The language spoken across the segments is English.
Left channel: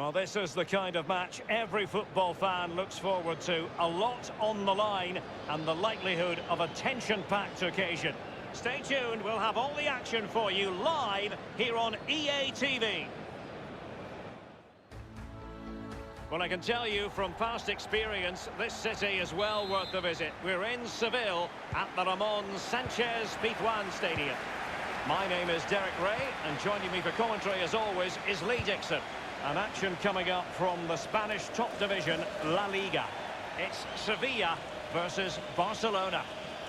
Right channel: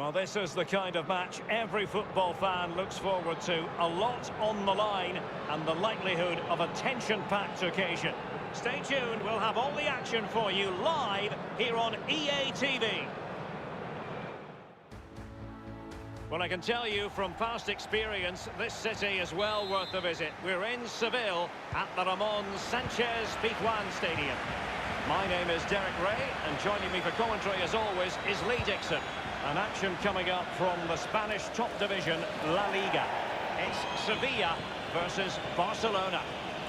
Well, this is the kind of match every football fan looks forward to. A lot on the line and the likelihood of a tension-packed occasion. Stay tuned, we'll have all the action for you live here on EA TV. Well, I can tell you from past experience, this city is well worth the visit. We're in Seville at the Ramon Sanchez Pizjuan Stadium. My name is Derek Ray, and joining me for commentary, as always, is Lee Dixon. An action coming up from the Spanish top division, La Liga. It's Sevilla versus Barcelona.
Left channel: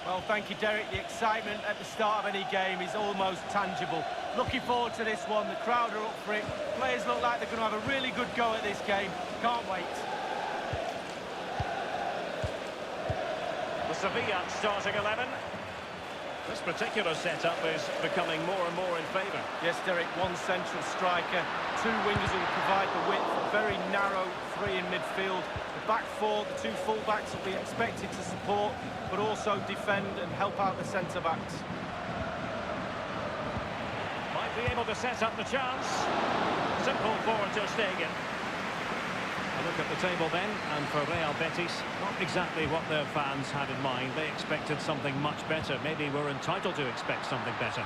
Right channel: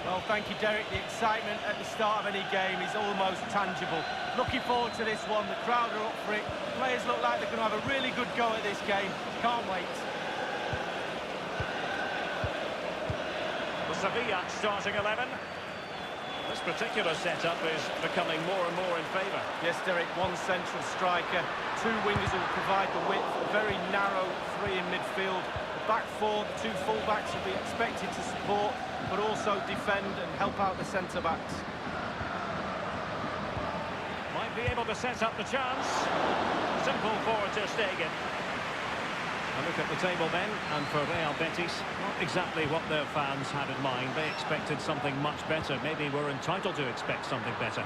Well, thank you, Derek. The excitement at the start of any game is almost tangible. Looking forward to this one. The crowd are up for it. Players look like they're going to have a really good go at this game. Can't wait. The Sevilla starting 11. This particular setup is becoming more and more in favour. Yes, Derek, one central striker, two wingers will provide the width, a very narrow three in midfield. The back four, the two full-backs will be expected to support, but also defend and help out the centre-backs. Might be able to set up the chance. Simple for Ter Stegen. A look at the table then, and for Real Betis, not exactly what their fans had in mind. They expected something much better. Maybe we're entitled to expect something better.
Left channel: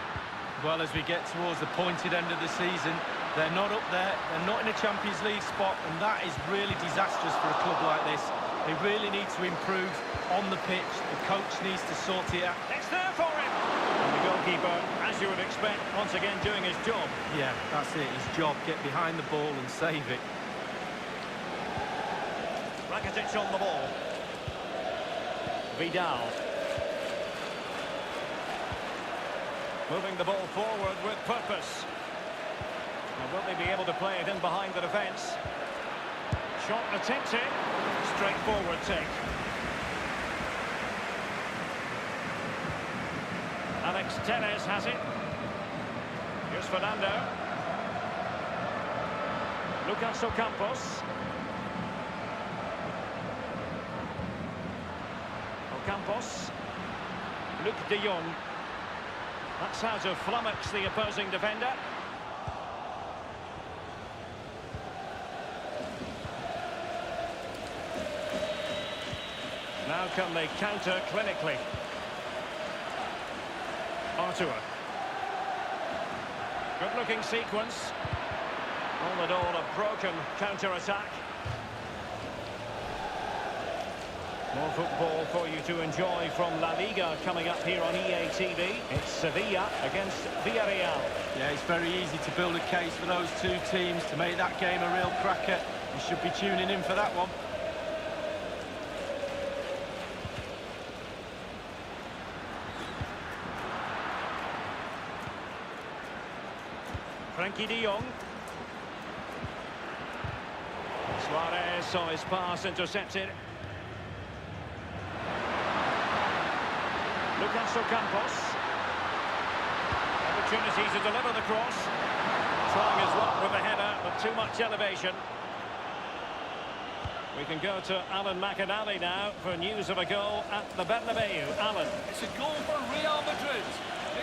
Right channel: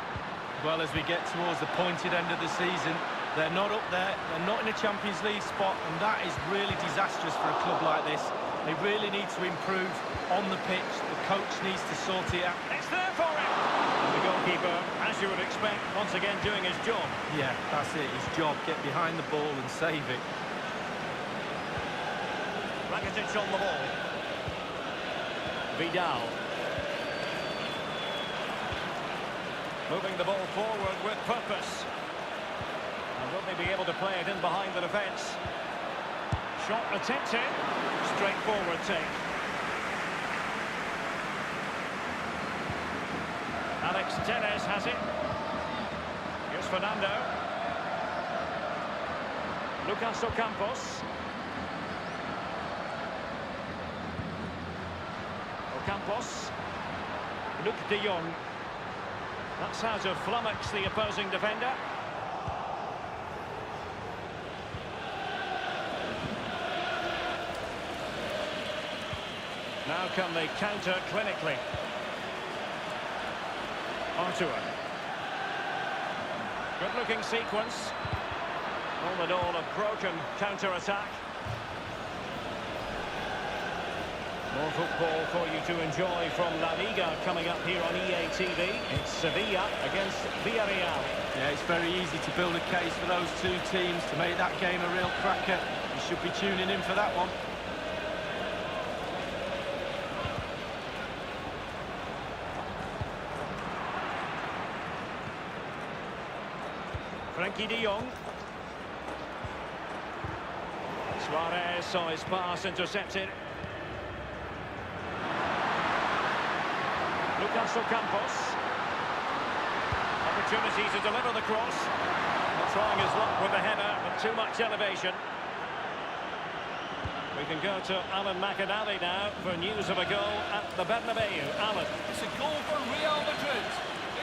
Well, as we get towards the pointed end of the season, they're not up there, they're not in a Champions League spot, and that is really disastrous for a club like this. They really need to improve on the pitch. The coach needs to sort it out. It's there for him! And the goalkeeper, as you would expect, once again doing his job. Yeah, that's it, his job. Get behind the ball and save it. Rakitic on the ball. Vidal. Moving the ball forward with purpose. And will they be able to play it in behind the defence? Shot attempted. Straightforward take. Alex Telles has it. Here's Fernando. Lucas Ocampos. Ocampos. Luc de Jong. That's how to flummox the opposing defender. Now can they counter clinically? Artur. Good-looking sequence. All in all, a broken counter-attack. More football for you to enjoy from La Liga coming up here on EA TV. It's Sevilla against Villarreal. Yeah, it's very easy to build a case for those two teams to make that game a real cracker. You should be tuning in for that one. Frankie de Jong. Suarez saw his pass intercepted. Lucas Ocampos. Opportunity to deliver the cross. Not trying his luck with the header, but too much elevation. We can go to Alan McAnally now for news of a goal at the Bernabeu. Alan. It's a goal for Real Madrid.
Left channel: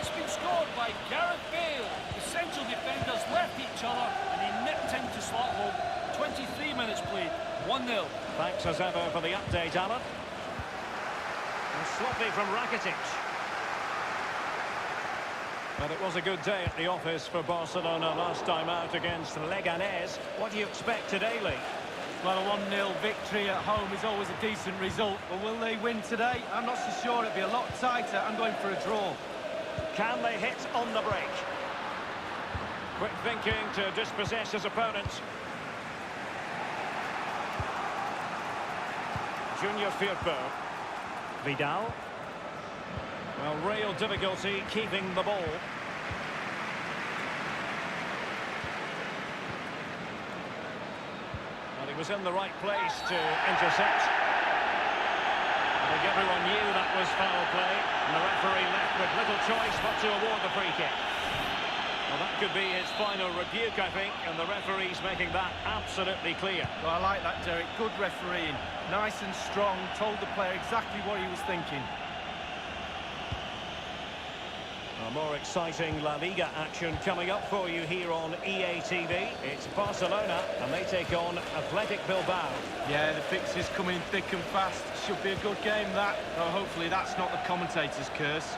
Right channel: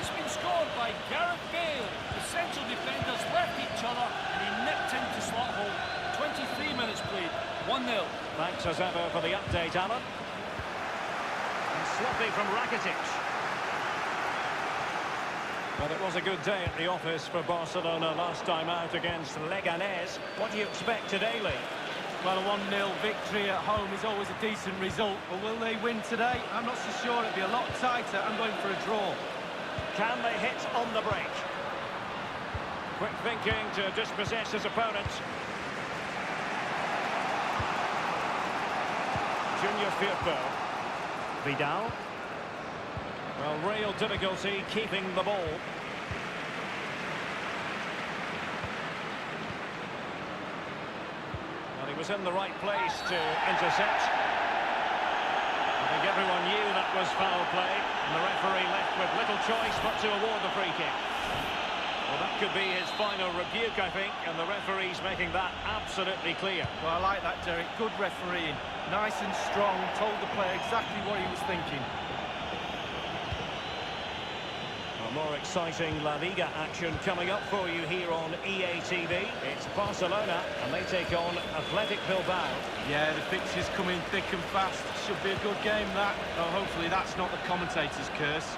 It's been scored by Gareth Bale. The central defenders left each other and he nipped into slot hole. 23 minutes played, 1-0. Thanks as ever for the update, Alan. And sloppy from Rakitic. But it was a good day at the office for Barcelona last time out against Leganés. What do you expect today, Lee? Well, a 1-0 victory at home is always a decent result. But will they win today? I'm not so sure. It'll be a lot tighter. I'm going for a draw. Can they hit on the break? Quick thinking to dispossess his opponent. Junior Firpo. Vidal. Well, real difficulty keeping the ball. Well, he was in the right place to intercept. I think everyone knew that was foul play, and the referee left with little choice but to award the free kick. Well, that could be his final rebuke, I think, and the referee's making that absolutely clear. Well, I like that, Derek. Good refereeing. Nice and strong, told the player exactly what he was thinking. More exciting La Liga action coming up for you here on EA TV. It's Barcelona and they take on Athletic Bilbao. Yeah, the fixtures coming thick and fast. Should be a good game, that. Oh, hopefully that's not the commentator's curse.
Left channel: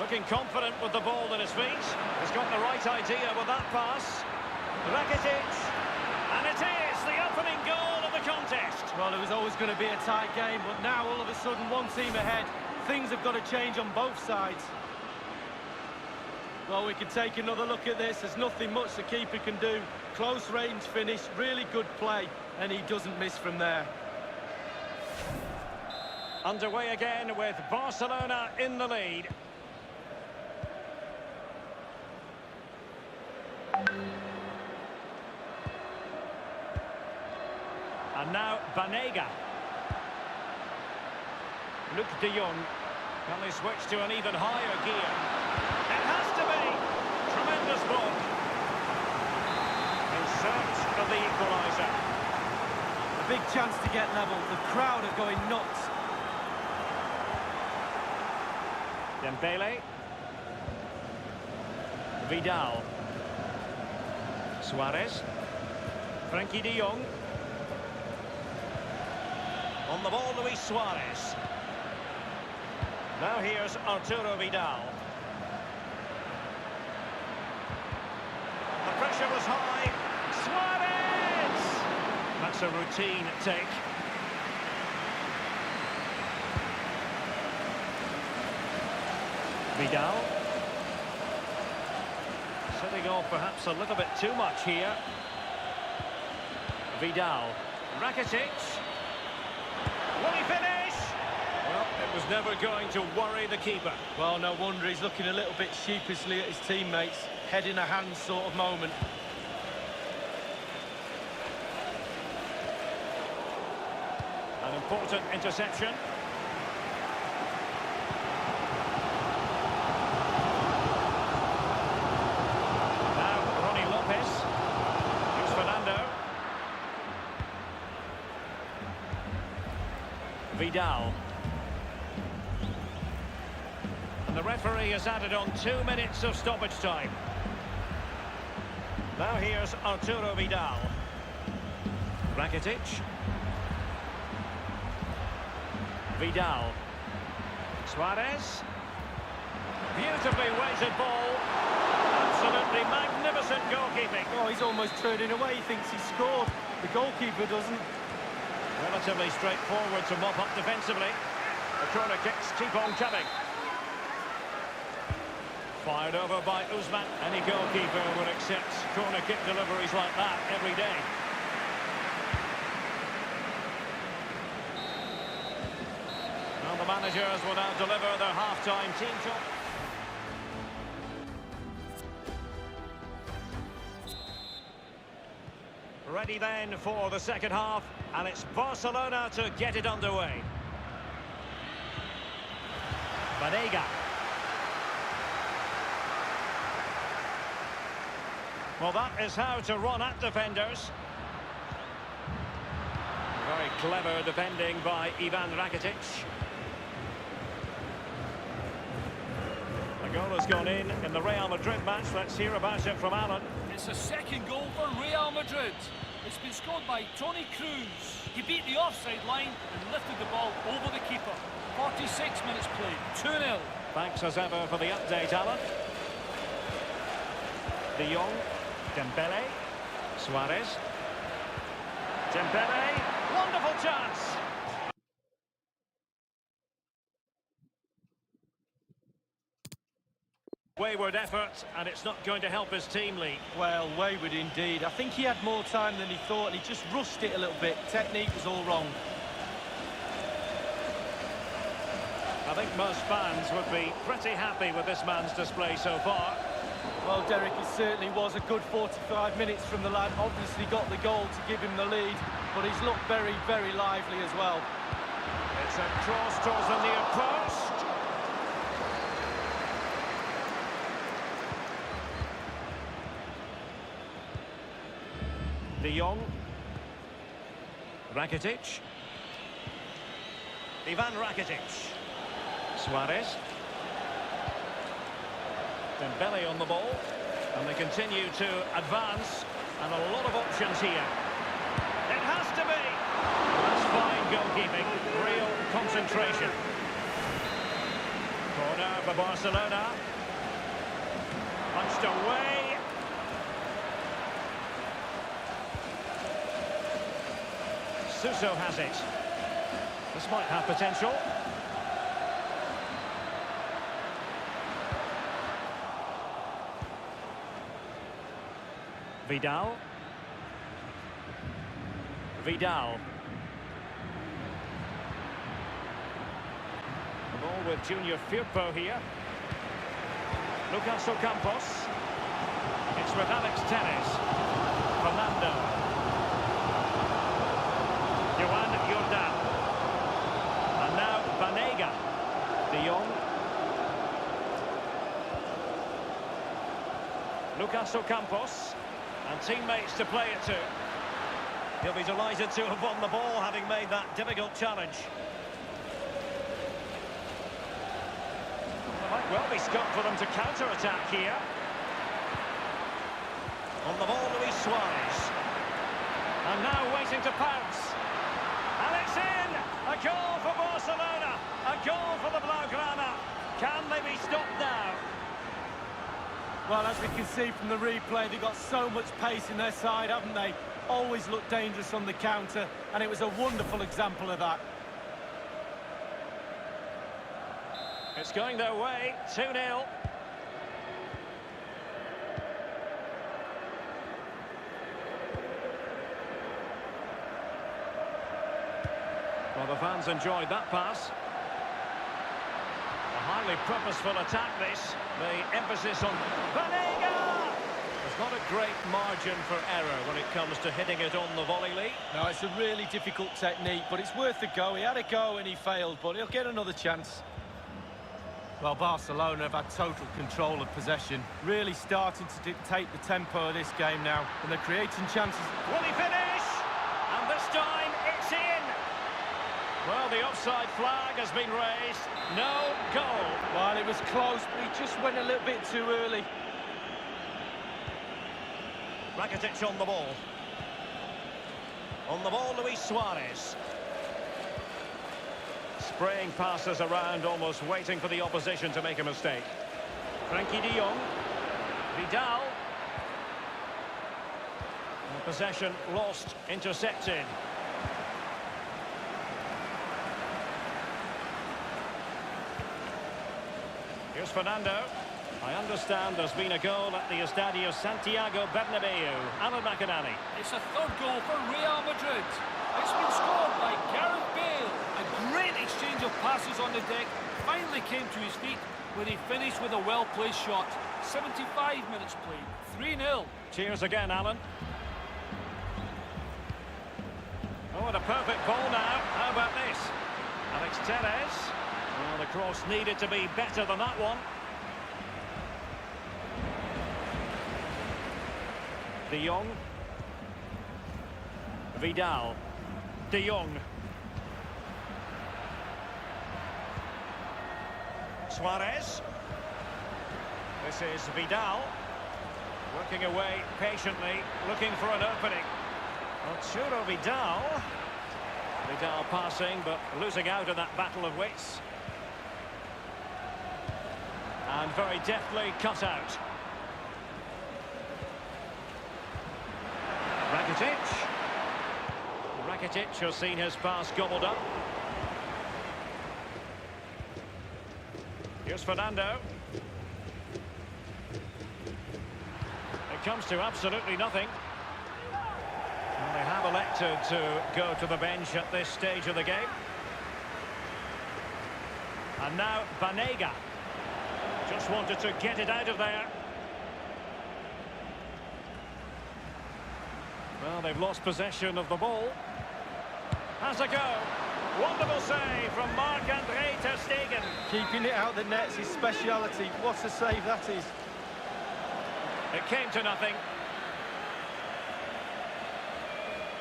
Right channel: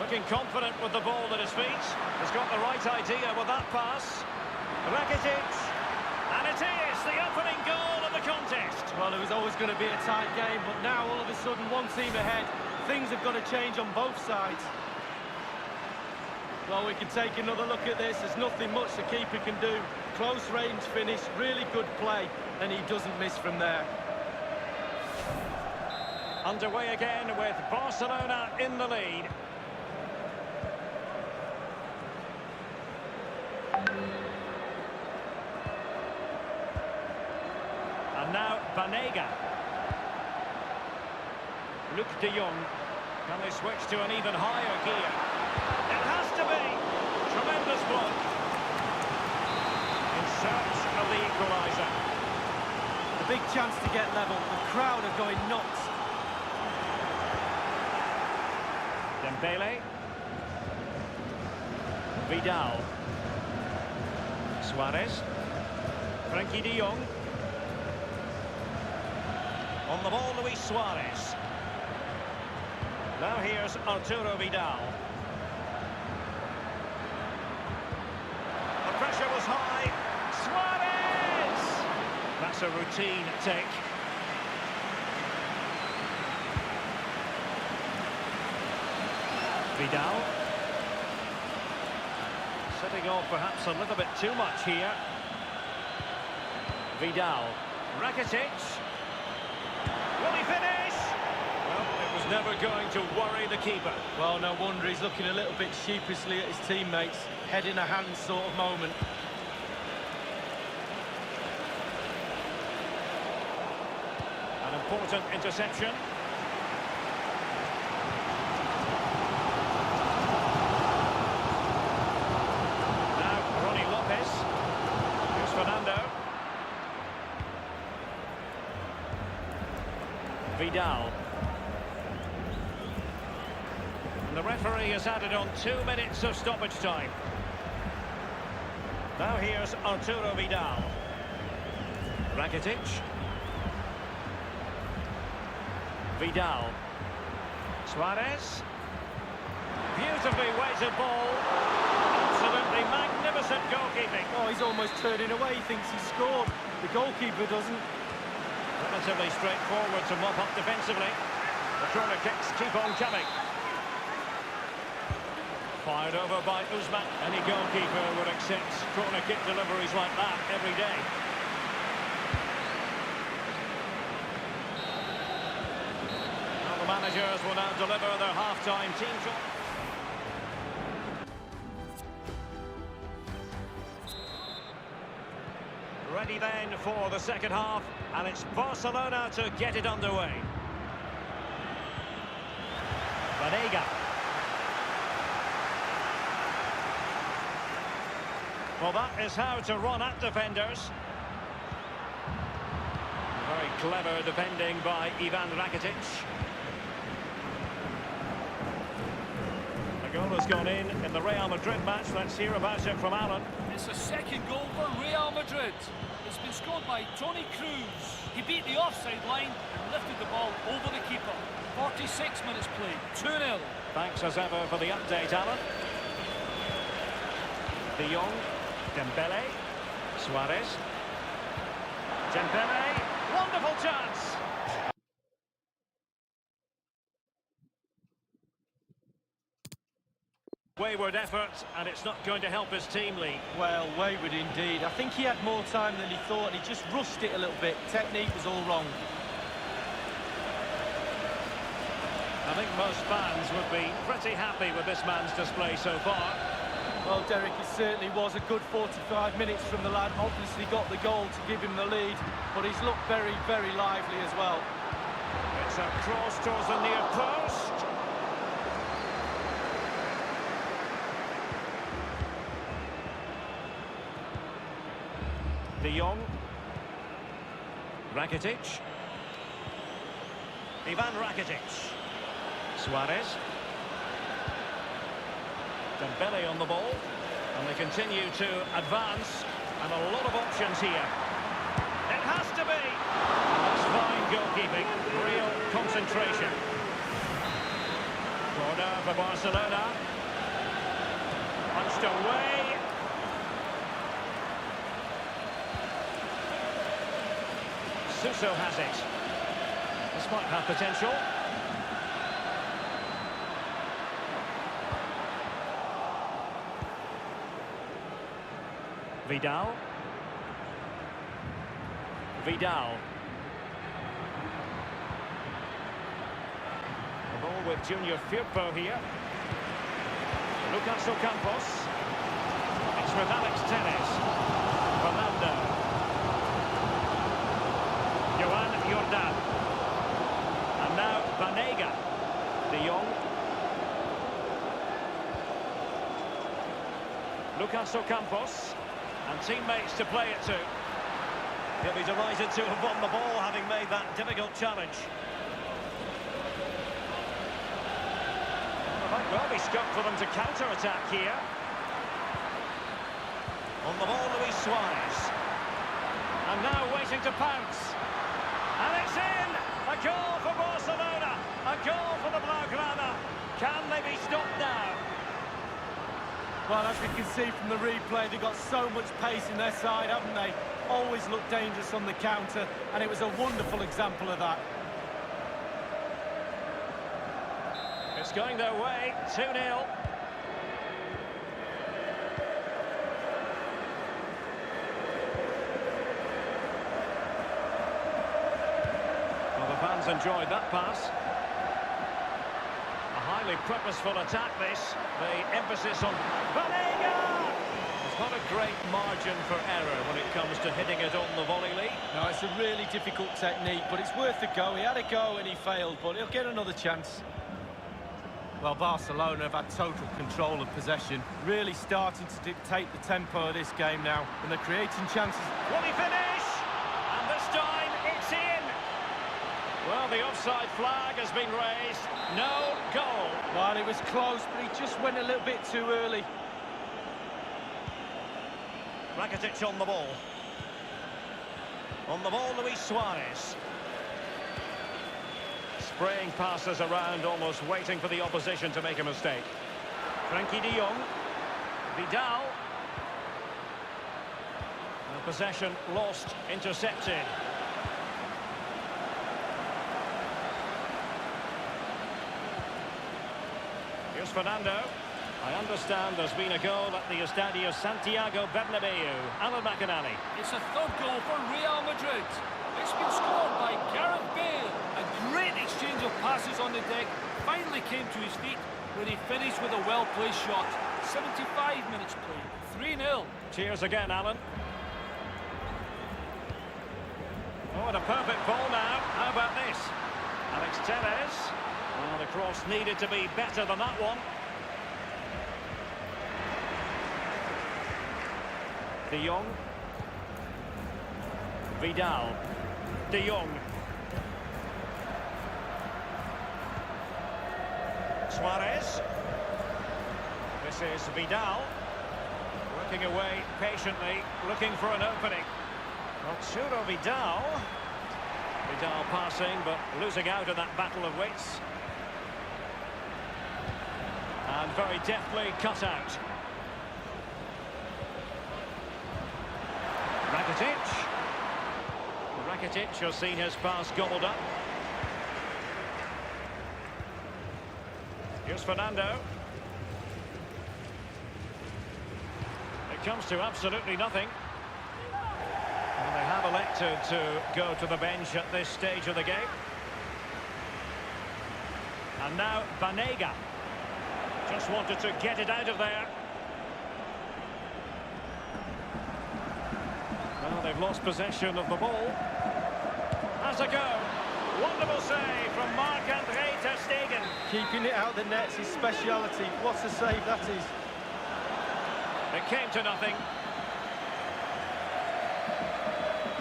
Looking confident with the ball at his feet. He's got the right idea with that pass. Rakitic. And it is the opening goal of the contest. Well, it was always going to be a tight game, but now all of a sudden one team ahead. Things have got to change on both sides. Well, we can take another look at this. There's nothing much the keeper can do. Close range finish, really good play, and he doesn't miss from there. Underway again with Barcelona in the lead. And now Banega. Luc de Jong. Can they switch to an even higher gear? It has to be. Tremendous block. In search of the equaliser. A big chance to get level. The crowd are going nuts. Dembele. Vidal. Suarez. Frankie de Jong. On the ball, Luis Suarez. Now here's Arturo Vidal. The pressure was high. Suarez! That's a routine take. Vidal. Setting off perhaps a little bit too much here. Vidal. Rakitic. Will he finish? Well, it was never going to worry the keeper. Well, no wonder he's looking a little bit sheepishly at his teammates. Head in a hand sort of moment. An important interception. Now, Ronnie Lopez. Here's Fernando. Vidal. And the referee has added on 2 minutes of stoppage time. Now here's Arturo Vidal. Rakitic. Vidal. Suarez. Beautifully weighted ball. Absolutely magnificent goalkeeping. Oh, he's almost turning away. He thinks he scored. The goalkeeper doesn't. Relatively straightforward to mop up defensively. The corner kicks keep on coming. Fired over by Usman. Any goalkeeper would accept corner kick deliveries like that every day. Well, the managers will now deliver their half-time team talk. Ready then for the second half, and it's Barcelona to get it underway. Banega. Well, that is how to run at defenders. Very clever defending by Ivan Rakitic. The goal has gone in the Real Madrid match. Let's hear about it from Alan. It's a second goal for Real Madrid. It's been scored by Toni Kroos. He beat the offside line and lifted the ball over the keeper. 46 minutes played, 2-0. Thanks as ever for the update, Alan. De Jong, Dembele, Suarez. Dembele, wonderful chance. Wayward effort, and it's not going to help his team, Lee. Well, wayward indeed. I think he had more time than he thought, and he just rushed it a little bit. Technique was all wrong. I think most fans would be pretty happy with this man's display so far. Well, Derek, it certainly was a good 45 minutes from the lad. Obviously got the goal to give him the lead, but he's looked very, very lively as well. It's a cross towards the near post. De Jong. Rakitic. Ivan Rakitic. Suarez. Dembele on the ball. And they continue to advance. And a lot of options here. It has to be. Well, that's fine goalkeeping. Real concentration. Corner for Barcelona. Punched away. Suso has it. This might have potential. Vidal. Vidal. The ball with Junior Firpo here. Lucas Ocampos. It's with Alex Telles. Fernando. Joan Jordan. And now Banega. De Jong. Lucas Ocampos. And teammates to play it to. He'll be delighted to have won the ball, having made that difficult challenge. Well, there might well be scope for them to counter-attack here. On the ball, Luis Suarez. And now waiting to pounce. And it's in! A goal for Barcelona! A goal for the Blaugrana! Can they be stopped now? Well, as we can see from the replay, they've got so much pace in their side, haven't they? Always look dangerous on the counter, and it was a wonderful example of that. It's going their way, 2-0. Well, the fans enjoyed that pass. A highly purposeful attack, this. The emphasis on Banega! There's not a great margin for error when it comes to hitting it on the volley, Lee. No, it's a really difficult technique, but it's worth a go. He had a go and he failed, but he'll get another chance. Well, Barcelona have had total control of possession, really starting to dictate the tempo of this game now, and they're creating chances. Will he finish? And this time, it's in! Well, the offside flag has been raised. No goal. Well, it was close, but he just went a little bit too early. Rakitic on the ball. On the ball, Luis Suarez. Spraying passes around, almost waiting for the opposition to make a mistake. Frankie de Jong. Vidal. Possession lost, intercepted. Here's Fernando. I understand there's been a goal at the Estadio Santiago Bernabeu. Alan McInally. It's a third goal for Real Madrid. It's been scored by Gareth Bale. A great exchange of passes on the deck. Finally came to his feet where he finished with a well-placed shot. 75 minutes played. 3-0. Cheers again, Alan. Oh, and a perfect ball now. How about this? Alex Telles. Well, the cross needed to be better than that one. De Jong. Vidal. De Jong. Suarez. This is Vidal. Working away patiently, looking for an opening. Arturo Vidal. Vidal passing, but losing out in that battle of wits. And very deftly cut out. Rakitic. Rakitic has seen his pass gobbled up. Here's Fernando. It comes to absolutely nothing. Well, they have elected to go to the bench at this stage of the game. And now Banega. Just wanted to get it out of there. Well, they've lost possession of the ball. Has a go. Wonderful save from Marc-Andre ter Stegen. Keeping it out the net's his speciality. What a save that is. It came to nothing.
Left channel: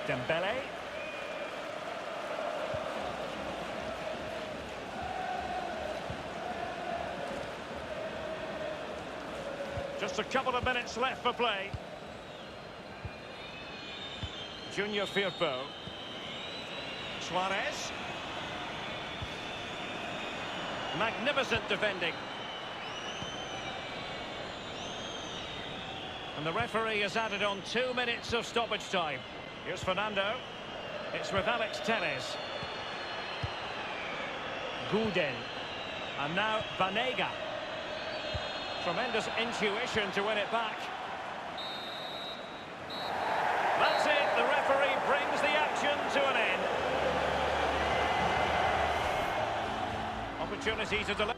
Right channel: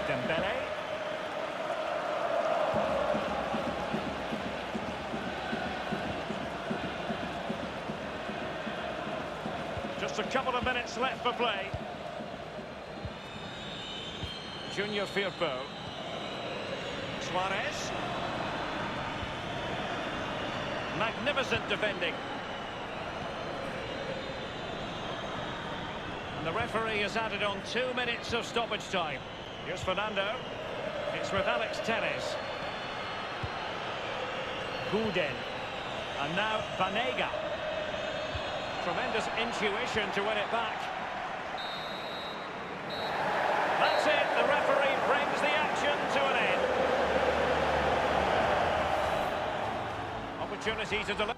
Dembele. Just a couple of minutes left for play. Junior Firpo. Suarez. Magnificent defending. And the referee has added on 2 minutes of stoppage time. Here's Fernando. It's with Alex Telles. Guden. And now Banega. Tremendous intuition to win it back. That's it. The referee brings the action to an end. Opportunity to deliver.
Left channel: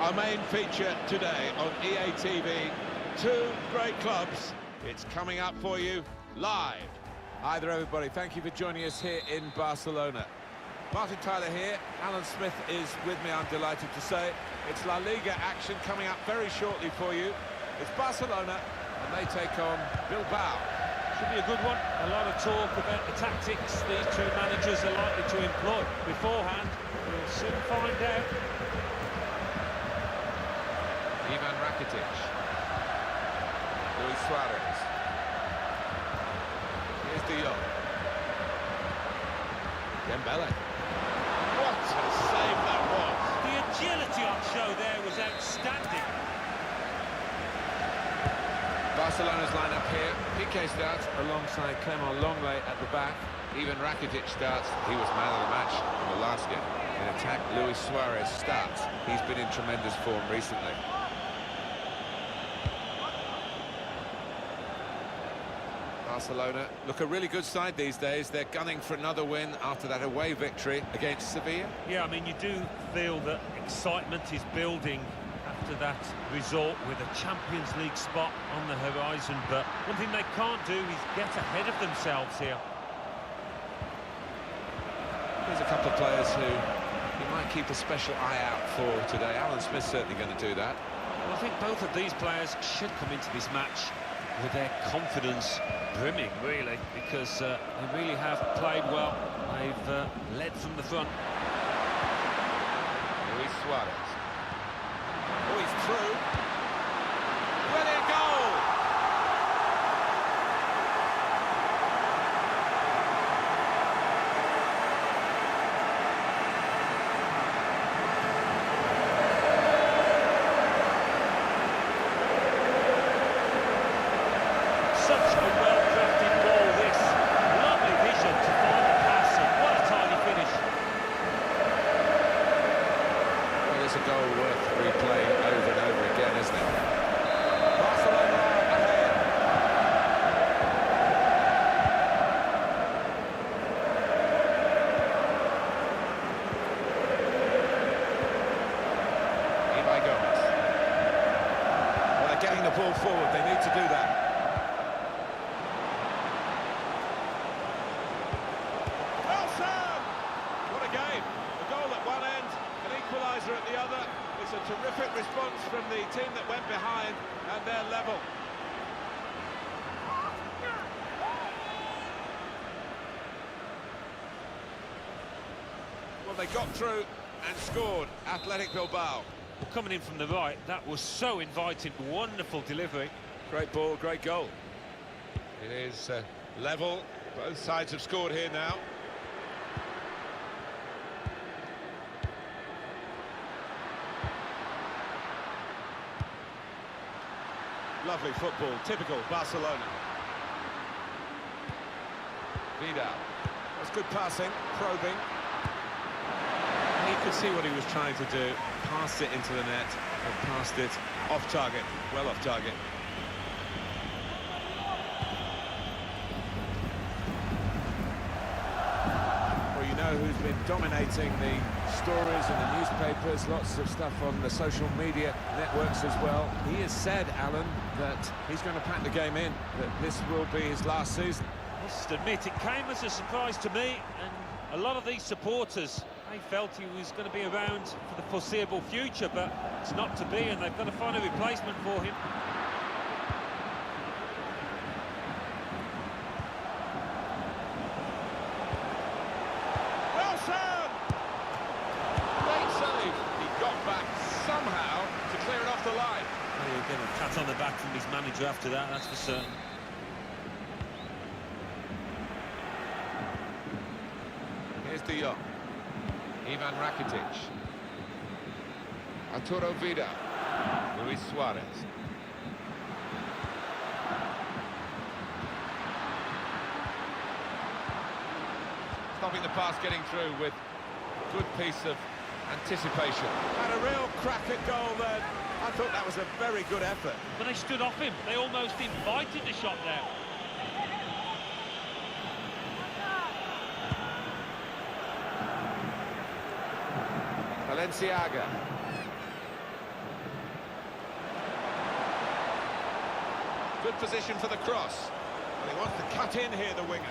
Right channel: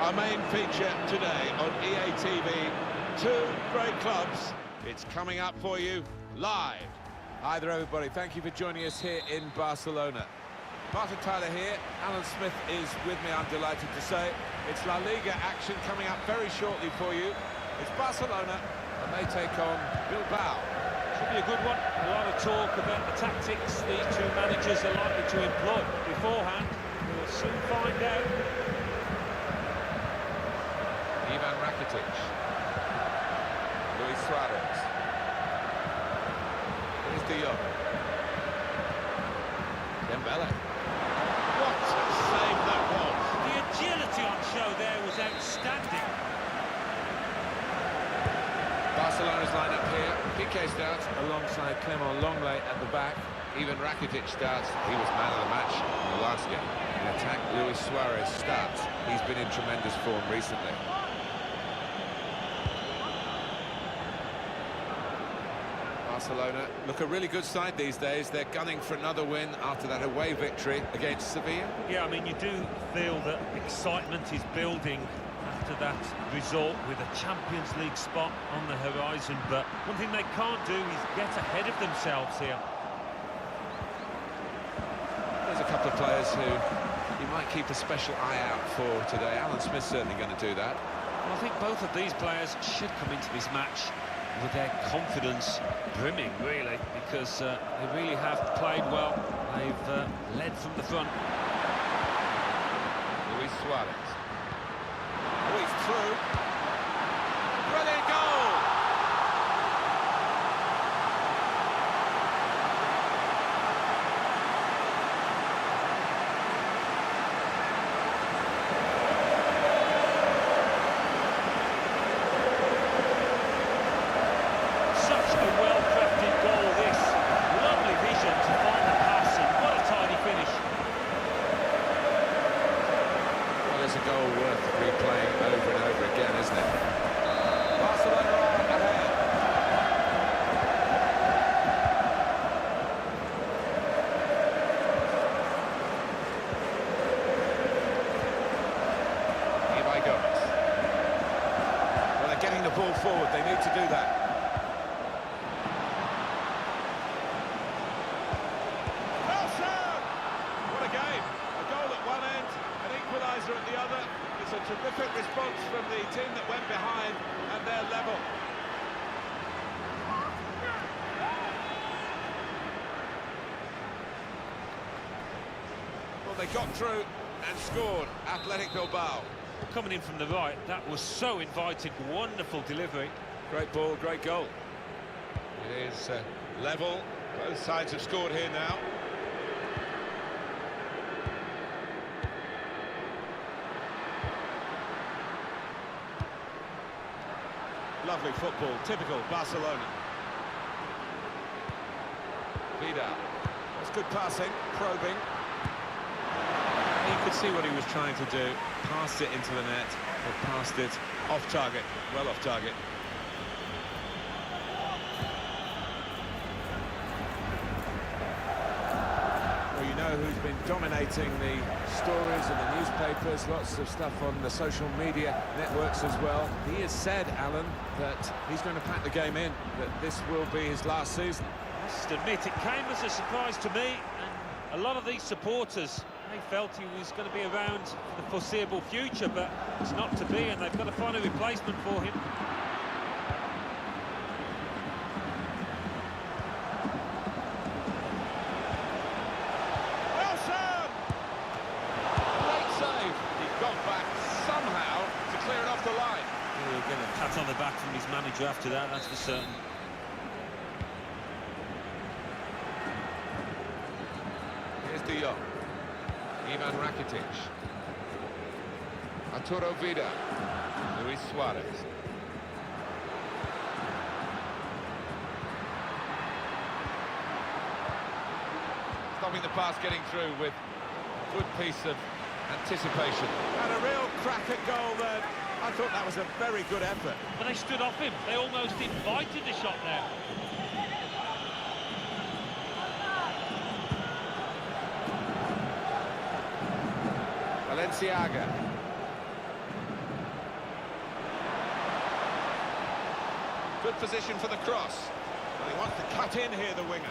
Our main feature today on EA TV, two great clubs. It's coming up for you live. Hi there, everybody. Thank you for joining us here in Barcelona. Martin Tyler here. Alan Smith is with me, I'm delighted to say. It's La Liga action coming up very shortly for you. It's Barcelona, and they take on Bilbao. Should be a good one. A lot of talk about the tactics these two managers are likely to employ beforehand. We'll soon find out. Ivan Rakitic. Luis Suarez. Here's De Jong. Dembele. What a save that was! The agility on show there was outstanding. Barcelona's lineup here. Piqué starts alongside Clement Longley at the back. Ivan Rakitic starts. He was man of the match in the last game. In attack, Luis Suarez starts. He's been in tremendous form recently. Barcelona look a really good side these days. They're gunning for another win after that away victory against Sevilla. Yeah, I mean, you do feel that excitement is building after that result with a Champions League spot on the horizon, but one thing they can't do is get ahead of themselves here. There's a couple of players who you might keep a special eye out for today. Alan Smith's certainly going to do that. Well, I think both of these players should come into this match with their confidence brimming, really, because they really have played well. They've led from the front. Luis Suarez. Oh, he's through. Brilliant goal! Such a well-crafted goal, this. Lovely vision to find the pass, and what a tidy finish. Well, it's a goal worth replaying over and over again, isn't it? Barcelona are ahead. Ibai Gomez. Well, they're getting the ball forward. They need to do that. equaliser at the other. It's a terrific response from the team that went behind, and they're level. Well, they got through and scored. Athletic Bilbao. Well, coming in from the right, that was so inviting. Wonderful delivery. Great ball, great goal. It is level. Both sides have scored here now. Lovely football, typical Barcelona. Vidal. That's good passing, probing. You could see what he was trying to do. Passed it into the net, but passed it off target, well off target. Well, you know who's been dominating the stories in the newspapers, lots of stuff on the social media networks as well. He has said, Alan, that he's going to pack the game in, that this will be his last season. I must admit, it came as a surprise to me, and a lot of these supporters, they felt he was going to be around for the foreseeable future, but it's not to be, and they've got to find a replacement for him. Wilson! Great save. He got back somehow to clear it off the line. Well, he'll get a pat on the back from his manager after that, that's for certain. Here's De Jong. Ivan Rakitic. Arturo Vidal. Luis Suarez. Stopping the pass getting through with a good piece of anticipation. Had a real crack at goal there. I thought that was a very good effort. But they stood off him. They almost invited the shot there. Valenciaga. Good position for the cross. Well, he wants to cut in here, the winger.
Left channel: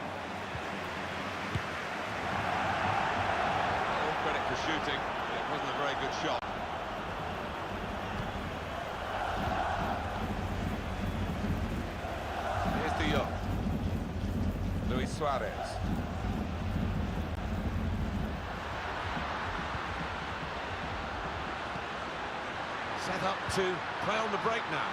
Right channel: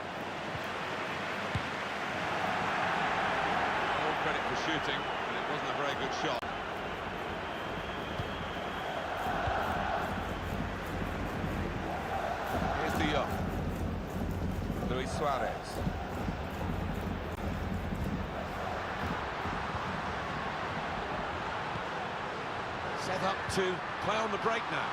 All credit for shooting, but it wasn't a very good shot. Here's De Jong. Luis Suarez. Set up to play on the break now.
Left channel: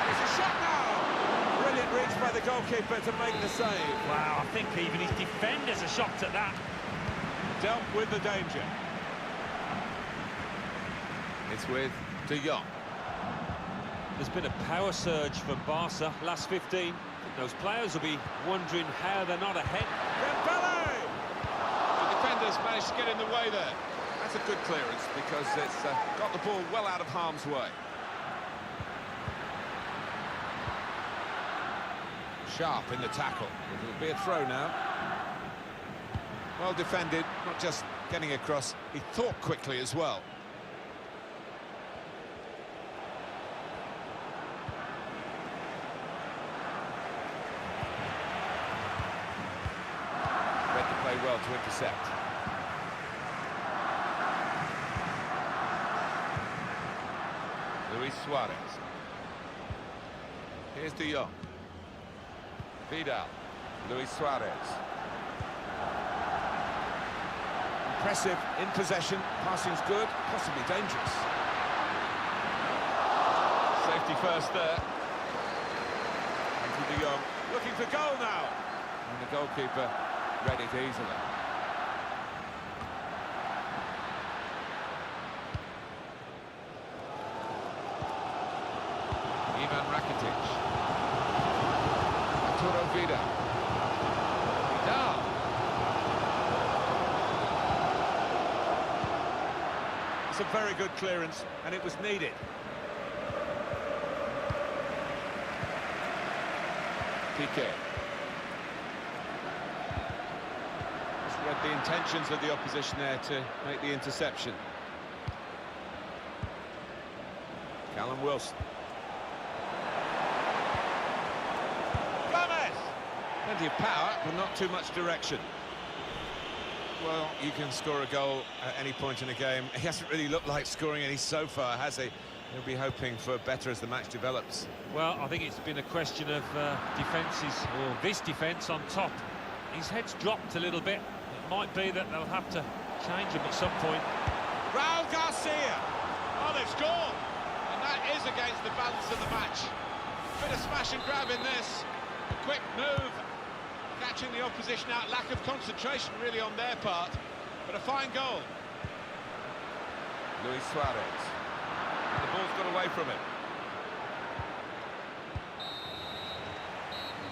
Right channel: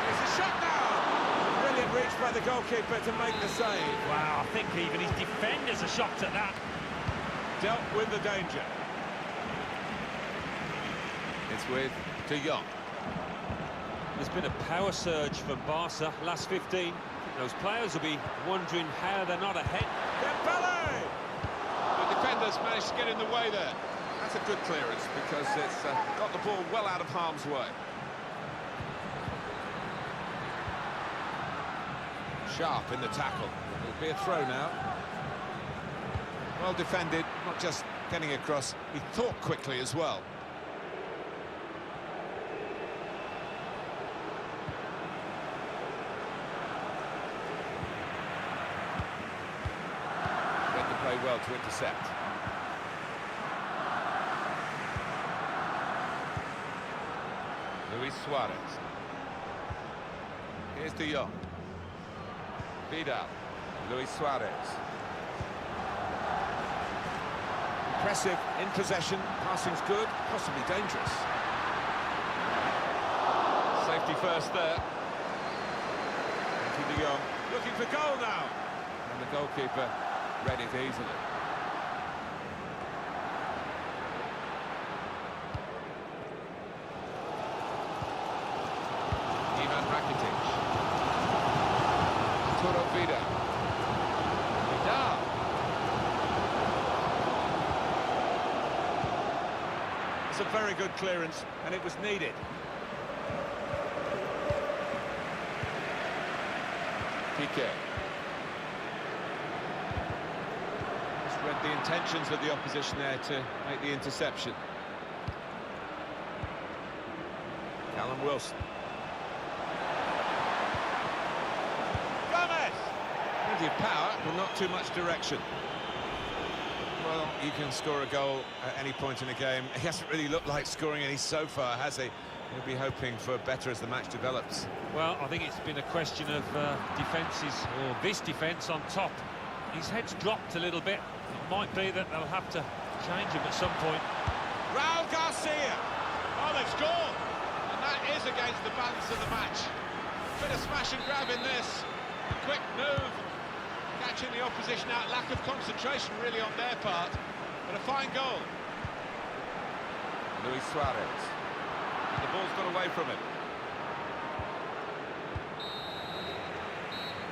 And it's a shot now! Brilliant reach by the goalkeeper to make the save. Wow, I think even his defenders are shocked at that. Dealt with the danger. It's with De Jong. There's been a power surge from Barca last 15. I think those players will be wondering how they're not ahead. Dembele! The defenders managed to get in the way there. That's a good clearance because it's got the ball well out of harm's way. Sharp in the tackle. It'll be a throw now. Well defended, not just getting across, he thought quickly as well. Read the play well to intercept. Luis Suarez. Here's De Jong. Vidal. Luis Suarez. Impressive in possession. Passing's good, possibly dangerous. Safety first there. Thank you, De Jong. Looking for goal now. And the goalkeeper read it easily. Ivan Rakitic. Arturo Vidal. Vidal. It's a very good clearance, and it was needed. Piqué. Just read the intentions of the opposition there to make the interception. Callum Wilson. Plenty of power, but not too much direction. Well, you can score a goal at any point in a game. He hasn't really looked like scoring any so far, has he? He'll be hoping for better as the match develops. Well, I think it's been a question of defences, or this defence on top. His head's dropped a little bit. It might be that they'll have to change him at some point. Raul Garcia! Oh, they've scored! And that is against the balance of the match. Bit of smash and grab in this. A quick move, catching the opposition out. Lack of concentration, really, on their part. But a fine goal. Luis Suarez. And the ball's got away from him.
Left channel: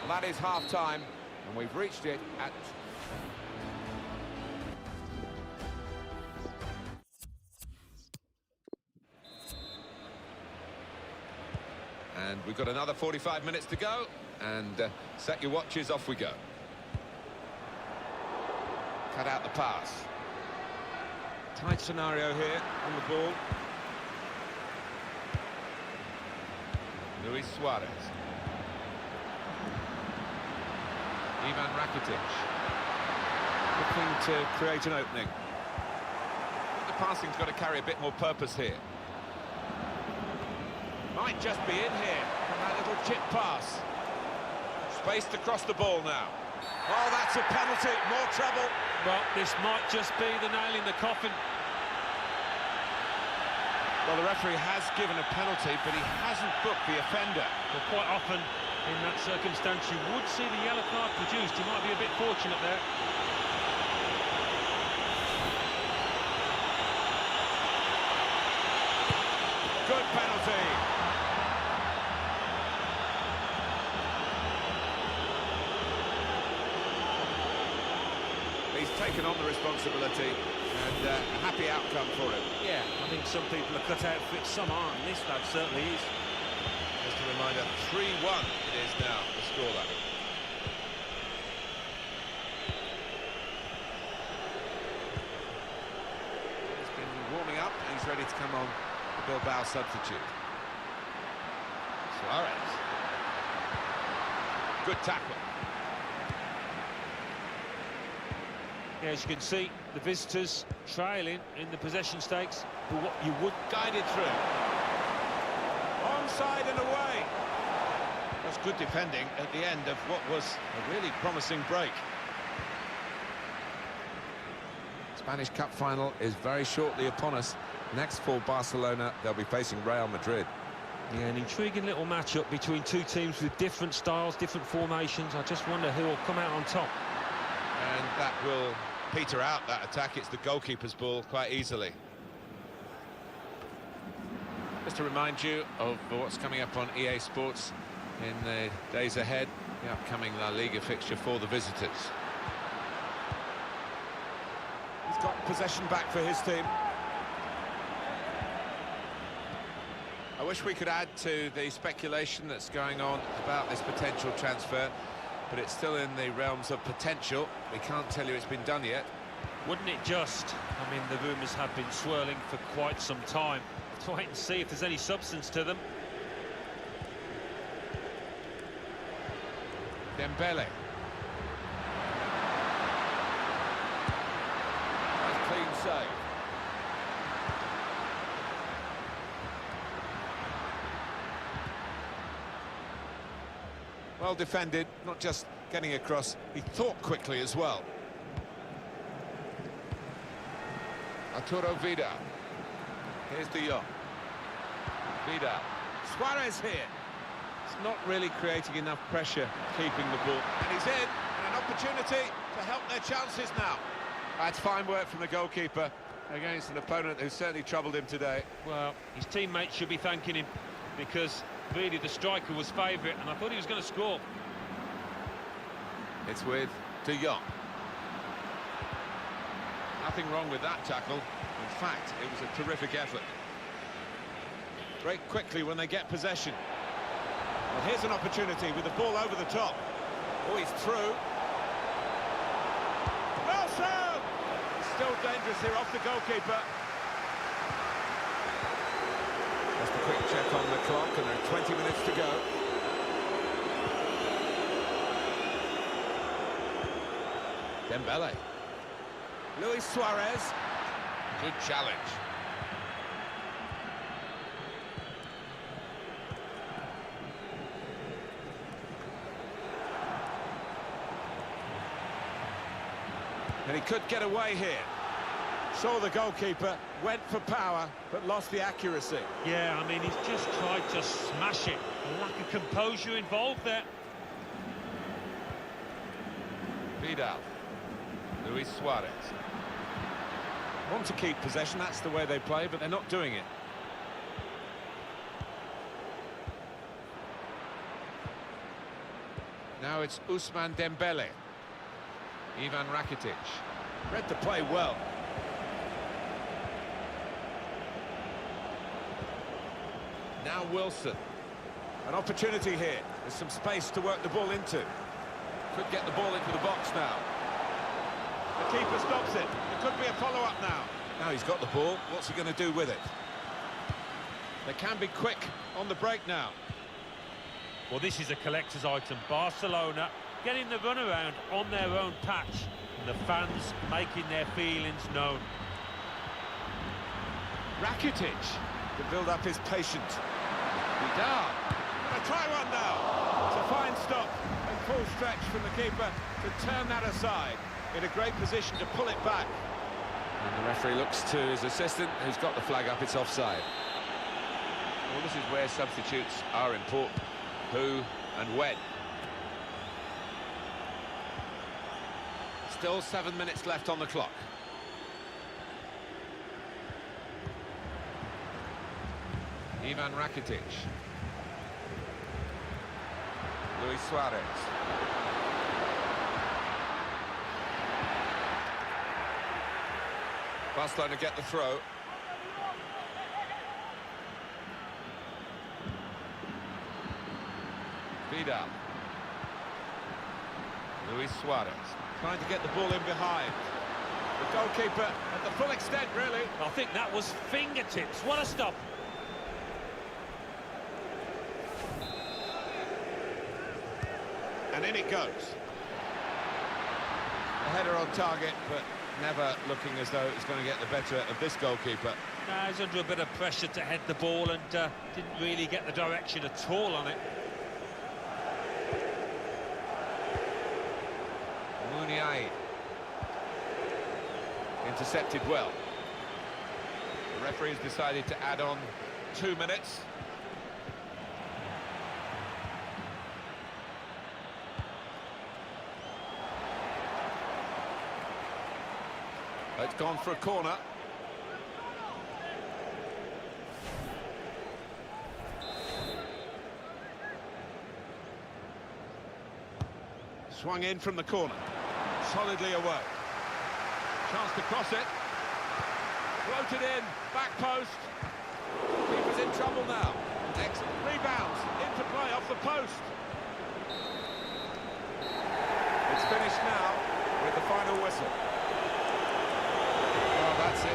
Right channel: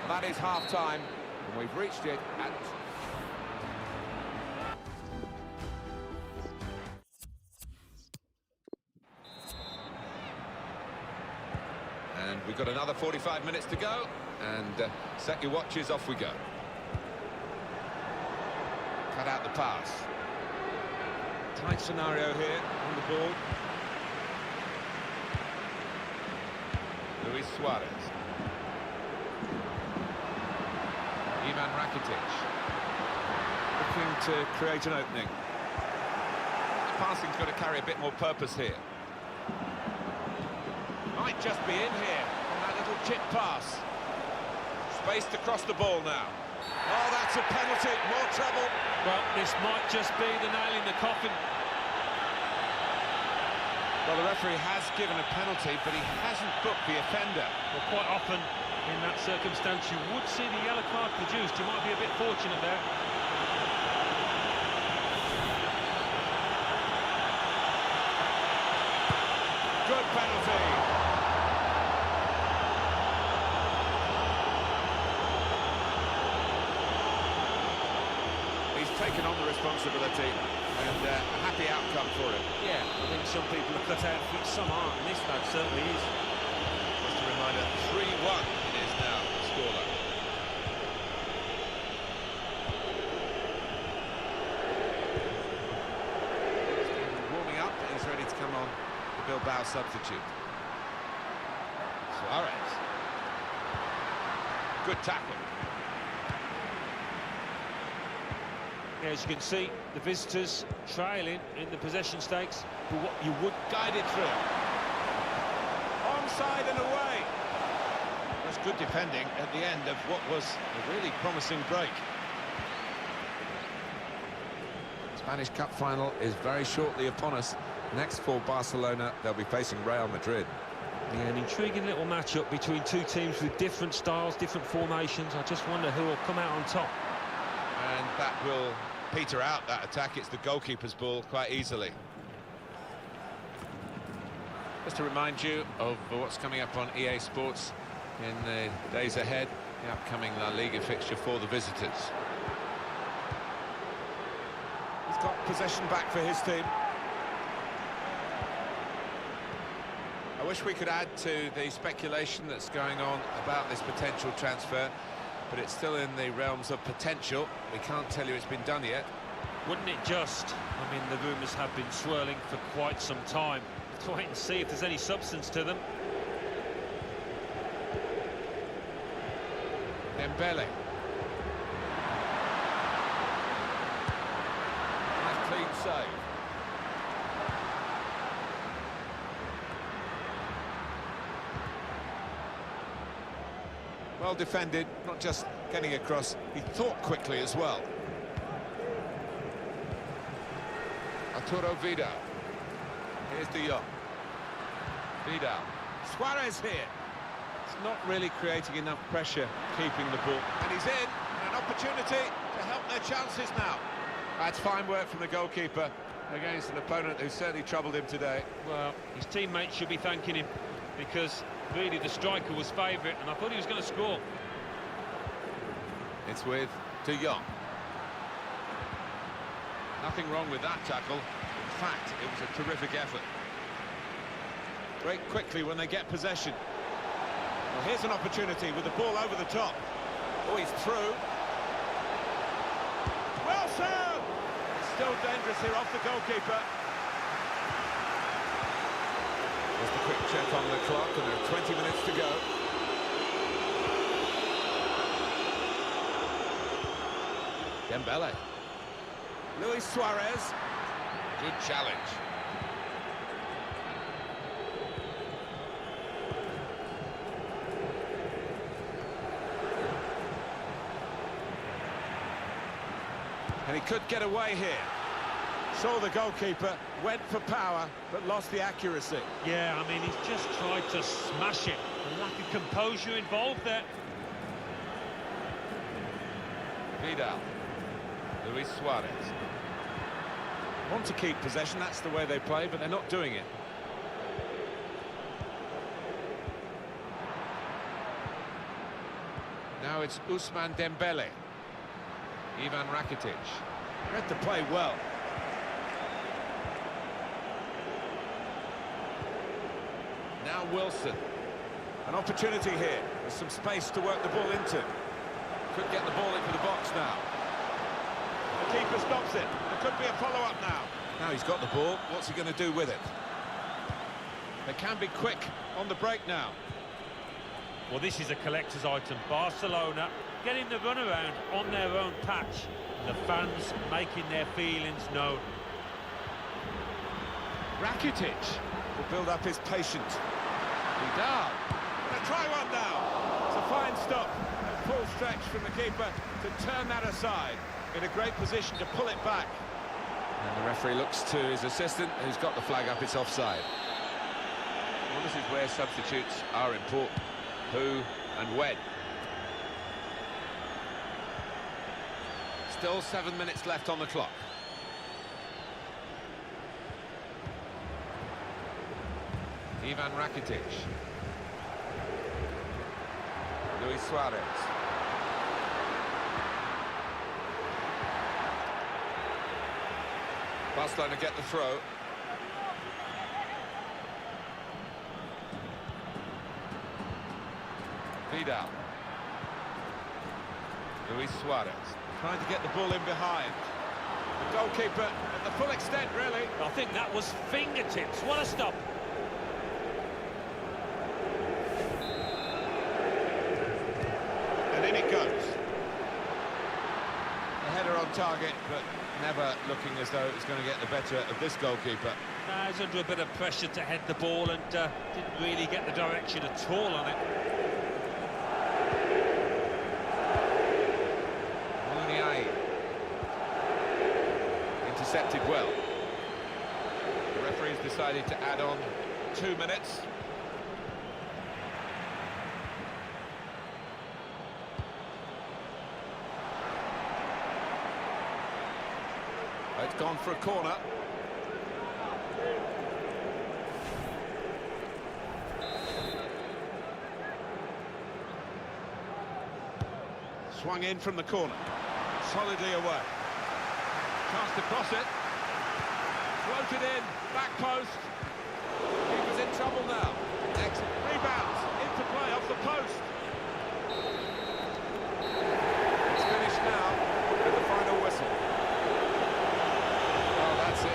Well, that is half-time, and we've reached it at... And we've got another 45 minutes to go, and set your watches, off we go. Cut out the pass. Tight scenario here on the ball. Luis Suarez. Ivan Rakitic. Looking to create an opening. The passing's got to carry a bit more purpose here. Might just be in here from that little chip pass. Spaced across the ball now. Oh, that's a penalty. More trouble. Well, this might just be the nail in the coffin. Well, the referee has given a penalty, but he hasn't booked the offender. Well, quite often in that circumstance you would see the yellow card produced. You might be a bit fortunate there. Good penalty. He's taken on the responsibility, and a happy outcome for him. Yeah, I think some people are cut out for it, some aren't, and this lad certainly is. Just a reminder, 3-1 it is now, the scoreline. He's been warming up, and he's ready to come on the Bilbao substitute. Suarez. Good tackle. Yeah, as you can see, the visitors trailing in the possession stakes, but what you would... Guided through. Onside and away. That's good defending at the end of what was a really promising break. Spanish Cup final is very shortly upon us. Next for Barcelona, they'll be facing Real Madrid. Yeah, an intriguing little matchup between two teams with different styles, different formations. I just wonder who will come out on top. And that will peter out that attack. It's the goalkeeper's ball quite easily. Just to remind you of what's coming up on EA Sports in the days ahead, the upcoming La Liga fixture for the visitors. He's got possession back for his team. I wish we could add to the speculation that's going on about this potential transfer, but it's still in the realms of potential. We can't tell you it's been done yet. Wouldn't it just? I mean, the rumours have been swirling for quite some time. Let's wait and see if there's any substance to them. Dembele. Nice clean save. Well defended, not just getting across, he thought quickly as well. Arturo Vidal. Here's De Jong. Vidal. Suarez here. It's not really creating enough pressure, keeping the ball. And he's in, and an opportunity to help their chances now. That's fine work from the goalkeeper against an opponent who certainly troubled him today. Well, his teammates should be thanking him, because really the striker was favourite, and I thought he was going to score. It's with De Jong. Nothing wrong with that tackle. In fact, it was a terrific effort. Break quickly when they get possession. Well, here's an opportunity with the ball over the top. Oh, he's through. Well served! It's still dangerous here off the goalkeeper. Just a quick check on the clock, and there are 20 minutes to go. Dembele. Luis Suarez. Good challenge. And he could get away here. Saw the goalkeeper, went for power, but lost the accuracy. Yeah, I mean, he's just tried to smash it. A lack of composure involved there. Vidal. Luis Suarez. Want to keep possession, that's the way they play, but they're not doing it. Now it's Ousmane Dembele. Ivan Rakitic. Read the play well. Now Wilson. An opportunity here. There's some space to work the ball into. Could get the ball into the box now. The keeper stops it. There could be a follow-up now. Now he's got the ball. What's he going to do with it? They can be quick on the break now. Well, this is a collector's item. Barcelona getting the runaround on their own patch. And the fans making their feelings known. Rakitic to build up his patience. Vidal. Gonna try one now. It's a fine stop. A full stretch from the keeper to turn that aside. In a great position to pull it back. And the referee looks to his assistant, who's got the flag up. It's offside. Well, this is where substitutes are important. Who and when. Still 7 minutes left on the clock. Ivan Rakitic. Luis Suarez. Barcelona get the throw. Vidal. Luis Suarez. Trying to get the ball in behind. The goalkeeper at the full extent, really. I think that was fingertips. What a stop. And in it goes. A header on target, but never looking as though it was going to get the better of this goalkeeper. Now he's under a bit of pressure to head the ball and didn't really get the direction at all on it. Muniain. Intercepted well. The referee has decided to add on 2 minutes. It's gone for a corner. Swung in from the corner. Solidly away. Chance to cross it. Floated in. Back post. Keeper's in trouble now. Excellent. Rebounds. Into play off the post. It's finished now with the final whistle. Oh, that's it.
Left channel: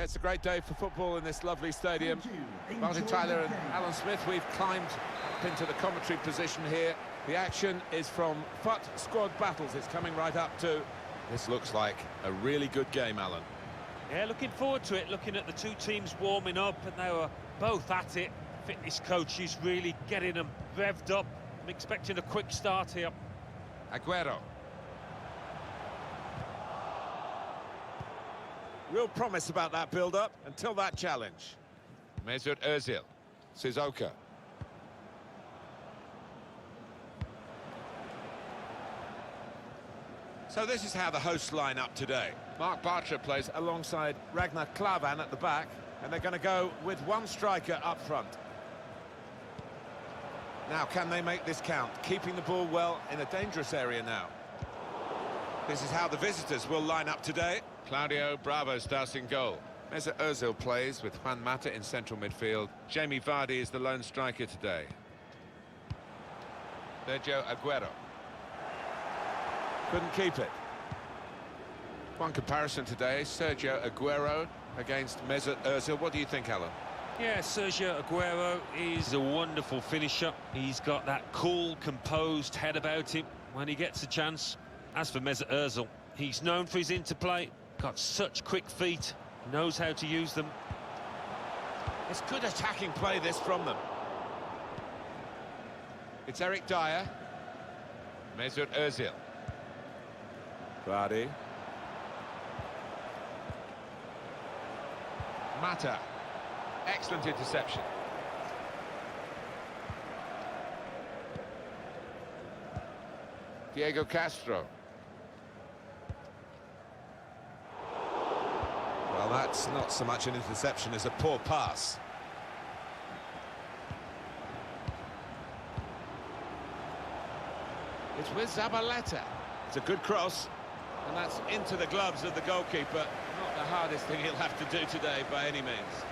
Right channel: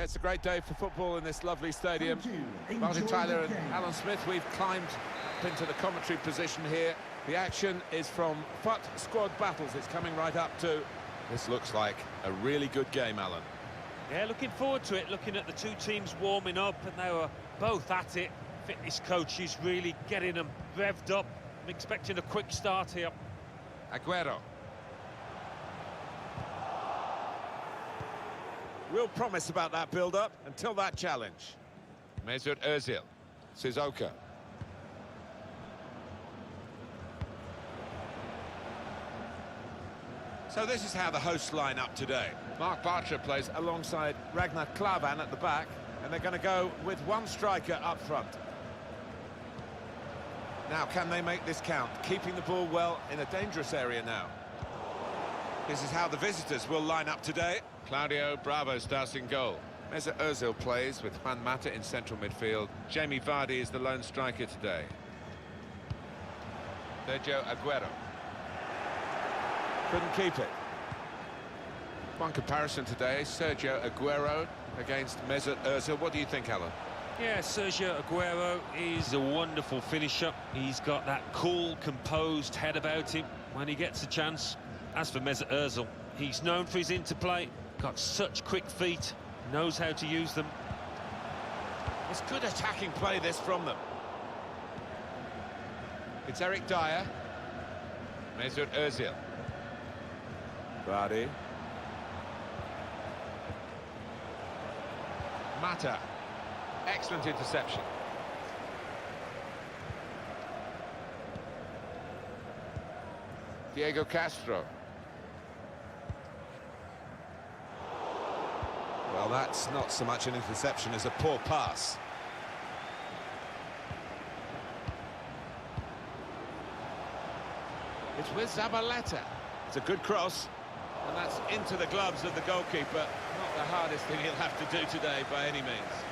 Yeah, it's a great day for football in this lovely stadium. Martin Tyler and Alan Smith, we've climbed up into the commentary position here. The action is from FUT Squad Battles. It's coming right up to... This looks like a really good game, Alan. Yeah, looking forward to it, looking at the two teams warming up, and they were both at it. Fitness coach is really getting them revved up. I'm expecting a quick start here. Aguero. Real promise about that build-up until that challenge. Mesut Özil. Sissoko. So this is how the hosts line up today. Mark Bartra plays alongside Ragnar Klavan at the back, and they're going to go with one striker up front. Now, can they make this count? Keeping the ball well in a dangerous area now. This is how the visitors will line up today. Claudio Bravo starts in goal. Mesut Özil plays with Juan Mata in central midfield. Jamie Vardy is the lone striker today. Sergio Aguero. Couldn't keep it. One comparison today, Sergio Aguero against Mesut Özil. What do you think, Alan? Yeah, Sergio Aguero is a wonderful finisher. He's got that cool, composed head about him when he gets a chance. As for Mesut Özil, he's known for his interplay, got such quick feet, knows how to use them. It's good attacking play, this, from them. It's Eric Dyer. Mesut Özil. Vardy. Mata. Excellent interception. Diego Castro. Well, that's not so much an interception as a poor pass. It's with Zabaleta. It's a good cross, and that's into the gloves of the goalkeeper. Not the hardest thing he'll have to do today by any means.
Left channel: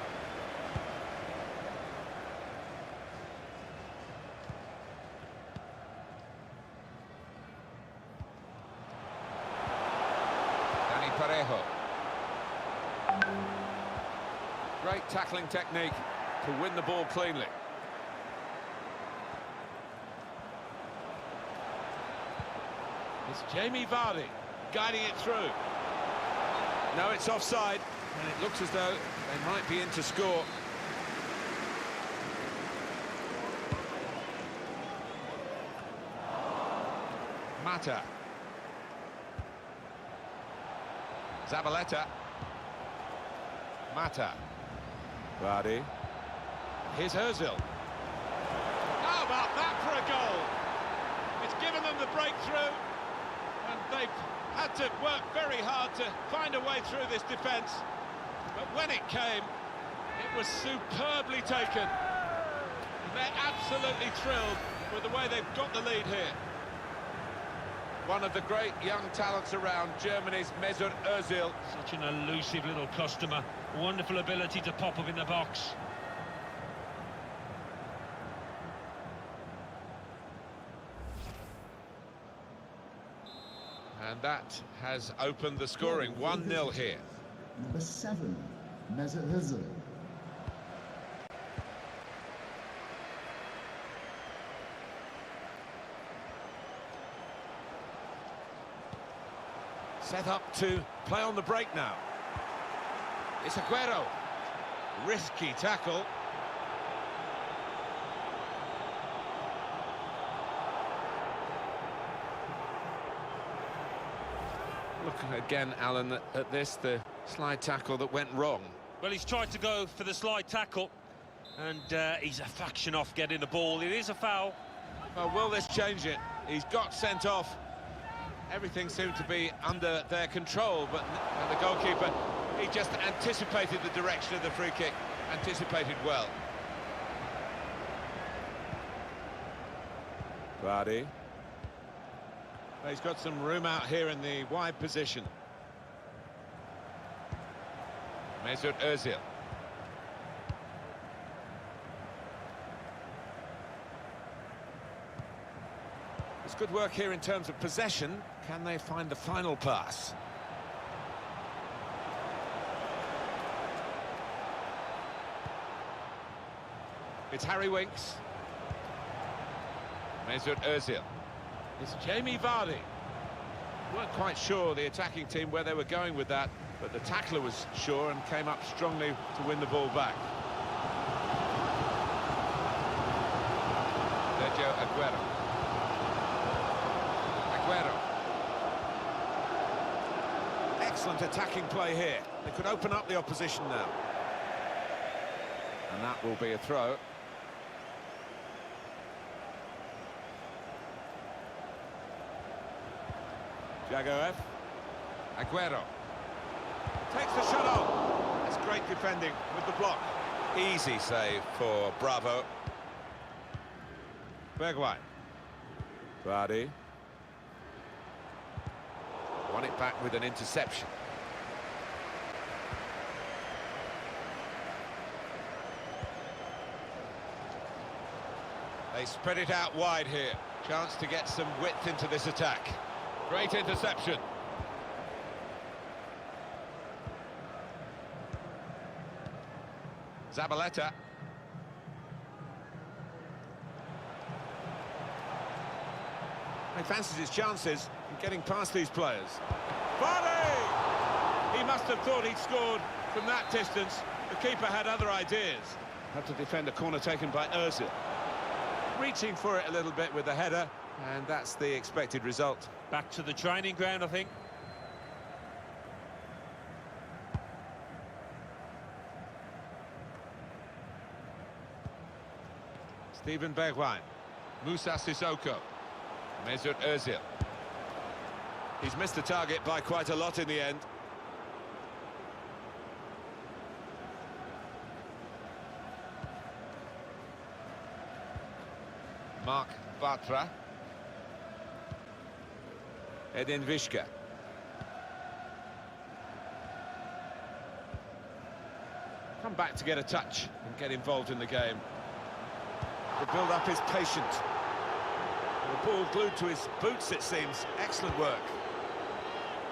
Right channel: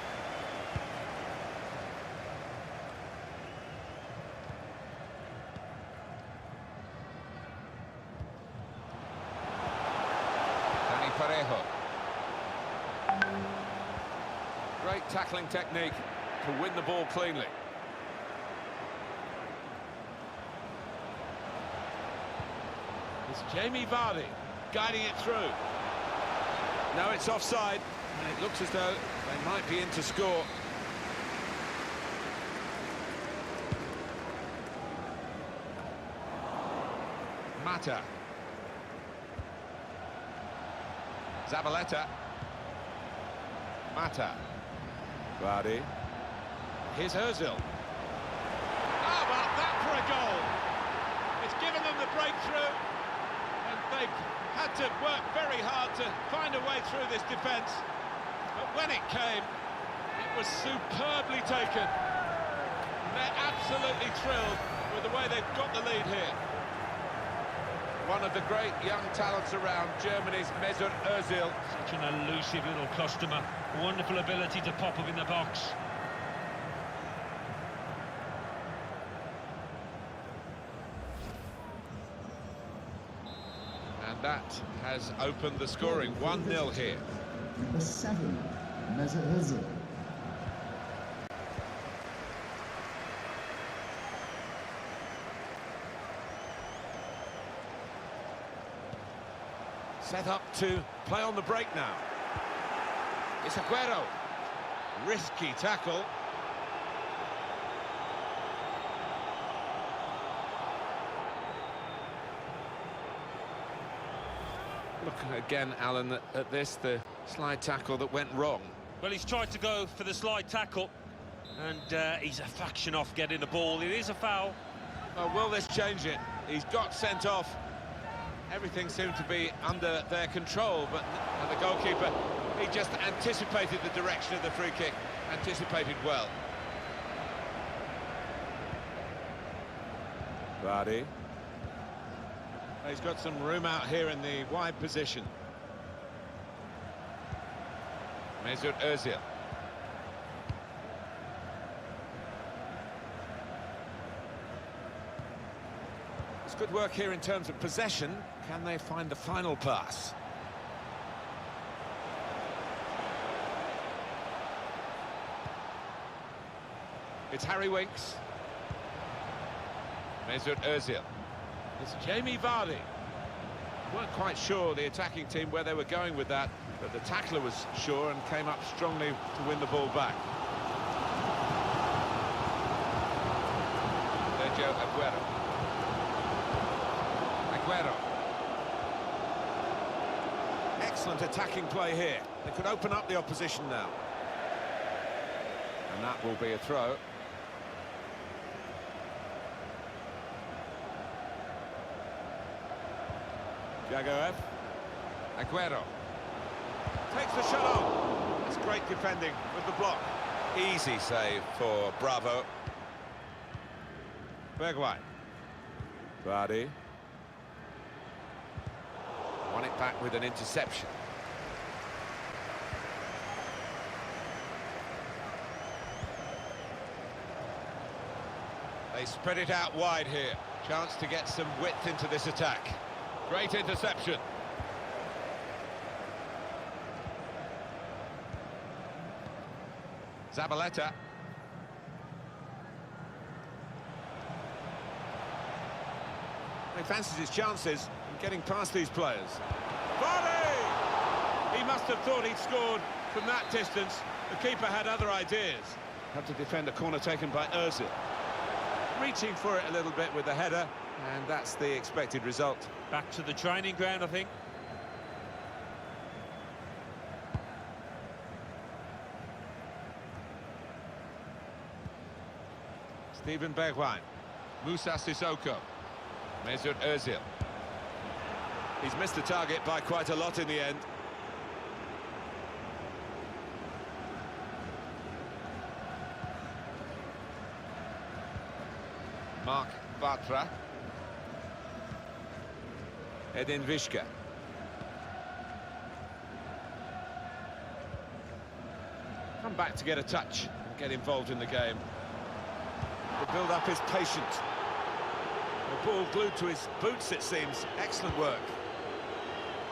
Dani Parejo. Great tackling technique to win the ball cleanly. It's Jamie Vardy guiding it through. No, it's offside, and it looks as though they might be in to score. Mata. Zabaleta. Mata. Vardy. Here's Özil. How about that for a goal? It's given them the breakthrough, and they've had to work very hard to find a way through this defence. But when it came, it was superbly taken. And they're absolutely thrilled with the way they've got the lead here. One of the great young talents around, Germany's Mesut Özil. Such an elusive little customer. Wonderful ability to pop up in the box. And that has opened the scoring. 1-0 here. Number 7, Mesut Özil. Set up to play on the break now. It's Aguero. Risky tackle. Look again, Alan, at this, the slide tackle that went wrong. Well, he's tried to go for the slide tackle, and he's a fraction off getting the ball. It is a foul. Well, will this change it? He's got sent off. Everything seemed to be under their control, but the goalkeeper, he just anticipated the direction of the free kick, anticipated well. Vardy. He's got some room out here in the wide position. Mesut Özil. It's good work here in terms of possession. Can they find the final pass? It's Harry Winks. Mesut Ozil. It's Jamie Vardy. Weren't quite sure, the attacking team, where they were going with that, but the tackler was sure and came up strongly to win the ball back. Sergio Aguero. Aguero. Excellent attacking play here. They could open up the opposition now. And that will be a throw. Jagoev. Aguero. Takes the shot on. That's great defending with the block. Easy save for Bravo. Bergwijn. Vardy. Won it back with an interception. They spread it out wide here. Chance to get some width into this attack. Great interception. Zabaleta. He fancies his chances in getting past these players. Vardy! He must have thought he'd scored from that distance. The keeper had other ideas. Had to defend a corner taken by Ozil. Reaching for it a little bit with the header, and that's the expected result. Back to the training ground, I think. Steven Bergwijn. Moussa Sissoko. Mesut Ozil. He's missed the target by quite a lot in the end. Mark Bartra. Edin Vishka. Come back to get a touch and get involved in the game. The build-up is patient. The ball glued to his boots, it seems. Excellent work.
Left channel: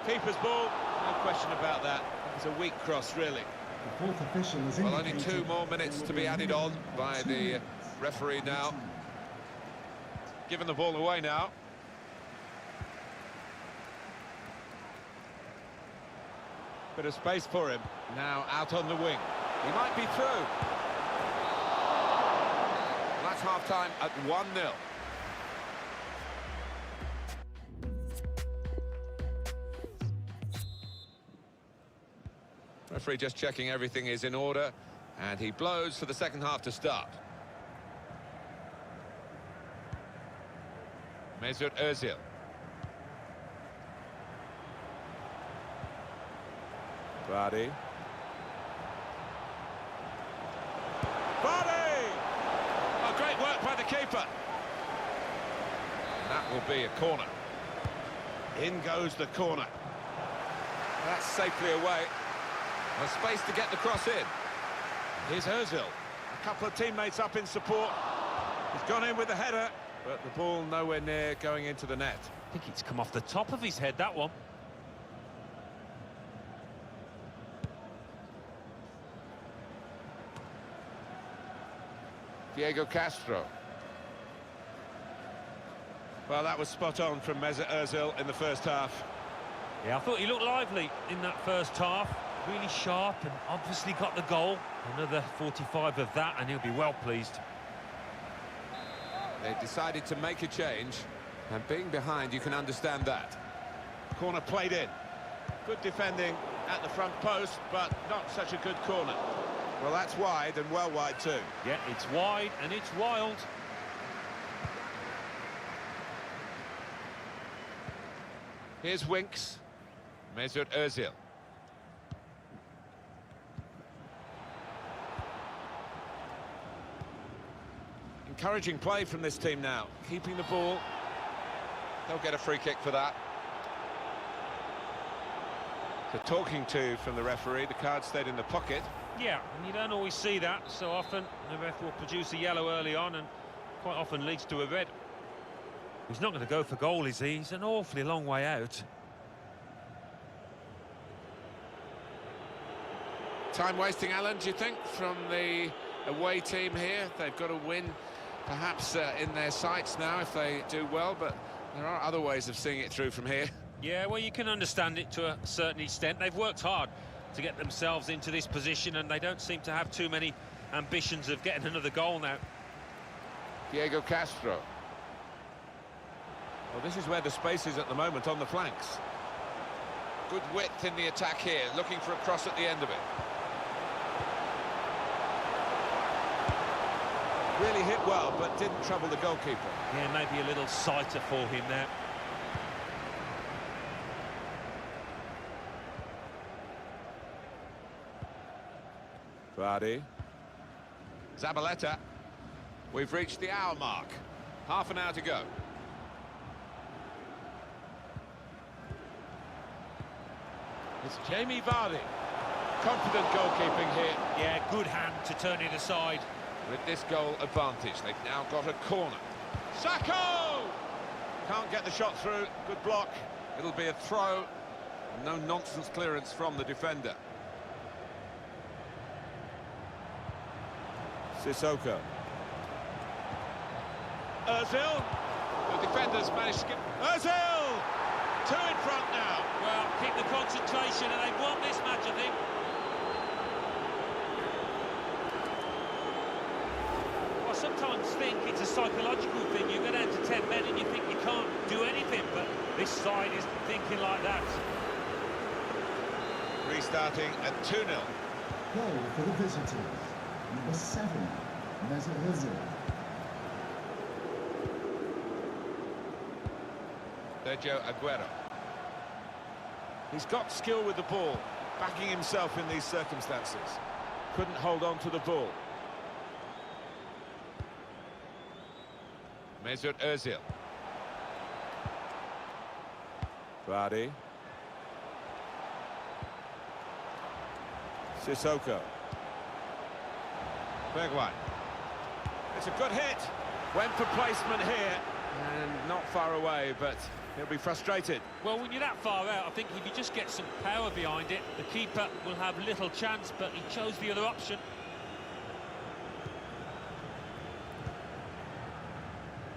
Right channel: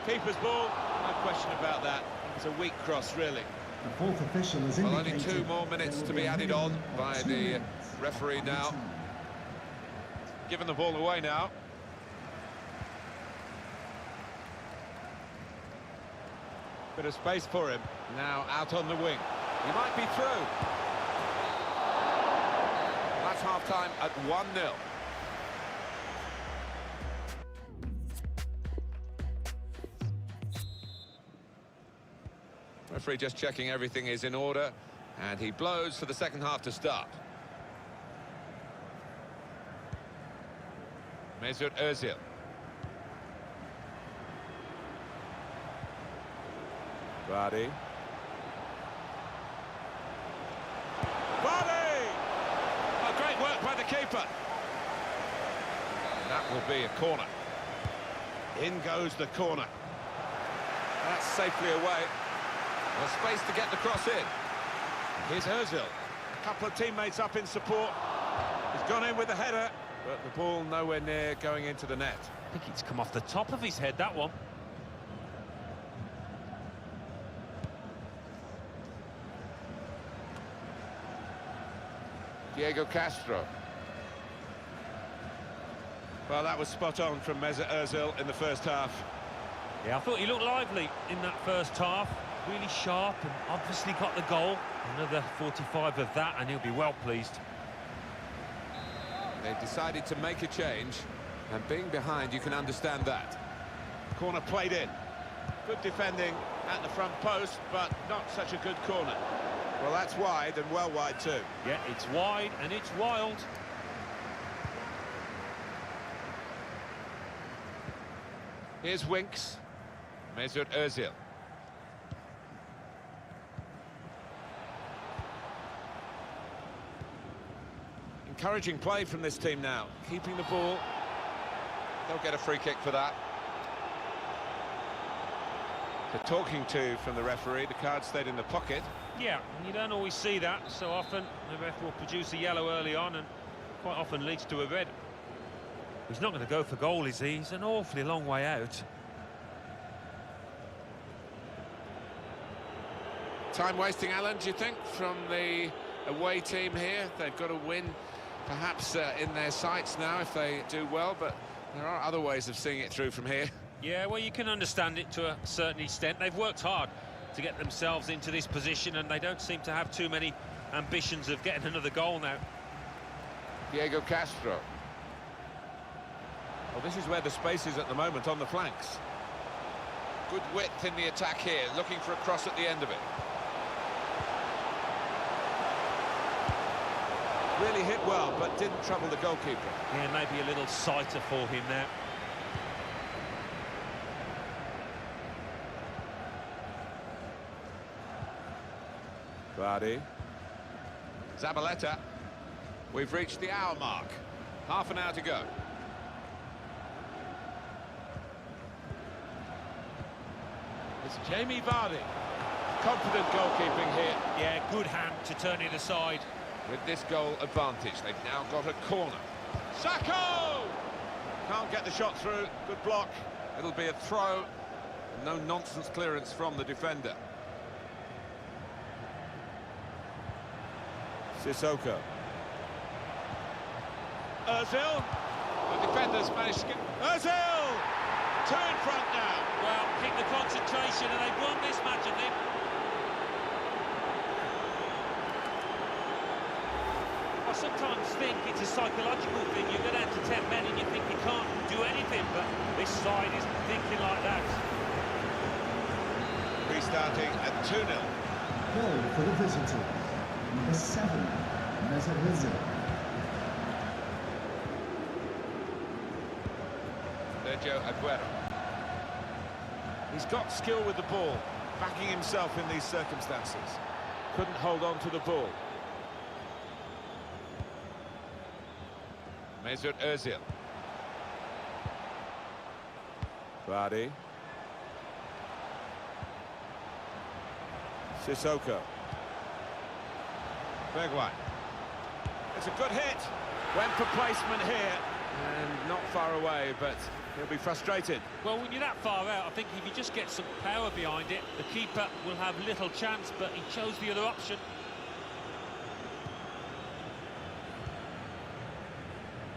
Keeper's ball, no question about that. It was a weak cross, really. The fourth official has Well, only indicated 2 more minutes there to will be a added minimum on of by 2 the minutes referee added now. time. Giving the ball away now. Bit of space for him. Now out on the wing. He might be through. That's half-time at 1-0. Referee just checking everything is in order, and he blows for the second half to start. Mesut Ozil. Vardy. Vardy! Oh, great work by the keeper. And that will be a corner. In goes the corner. That's safely away. Well, space to get the cross in. Here's Ozil. A couple of teammates up in support. He's gone in with the header, but the ball nowhere near going into the net. I think it's come off the top of his head, that one. Diego Castro. Well, that was spot on from Mesut Ozil in the first half. Yeah, I thought he looked lively in that first half. Really sharp and obviously got the goal. Another 45 of that and he'll be well pleased. They've decided to make a change, and being behind, you can understand that. Corner played in. Good defending at the front post, but not such a good corner. Well, that's wide, and well wide too. Yeah, it's wide and it's wild. Here's Winks. Mesut Ozil. Encouraging play from this team now. Keeping the ball. They'll get a free kick for that. The talking to from the referee. The card stayed in the pocket. Yeah, and you don't always see that so often. The ref will produce a yellow early on and quite often leads to a red. He's not going to go for goal, is he? He's an awfully long way out. Time wasting, Alan, do you think, from the away team here. They've got to win, perhaps in their sights now if they do well, but there are other ways of seeing it through from here. Yeah, well, you can understand it to a certain extent. They've worked hard to get themselves into this position, and they don't seem to have too many ambitions of getting another goal now. Diego Castro. Well, this is where the space is at the moment, on the flanks. Good width in the attack here, looking for a cross at the end of it. Really hit well, but didn't trouble the goalkeeper. Yeah, maybe a little sighter for him now. Vardy. Zabaleta. We've reached the hour mark. Half an hour to go. It's Jamie Vardy. Confident goalkeeping here. Yeah, good hand to turn it aside. With this goal advantage, they've now got a corner. Sacco! Can't get the shot through. Good block. It'll be a throw. No nonsense clearance from the defender. Sissoko. Ozil. The defenders managed to get... Ozil! Two in front now. Well, keep the concentration, and they've won this match, I think. I sometimes think it's a psychological thing. You go down to 10 men and you think you can't do anything, but this side isn't thinking like that. Restarting at 2-0. Goal for the visitors. Number 7, Mesut Ozil. Sergio Aguero. He's got skill with the ball, backing himself in these circumstances. Couldn't hold on to the ball. Mesut Ozil. Vardy. Sissoko. Bergwijn. It's a good hit. Went for placement here. And not far away, but he'll be frustrated. Well, when you're that far out, I think if you just get some power behind it, the keeper will have little chance, but he chose the other option.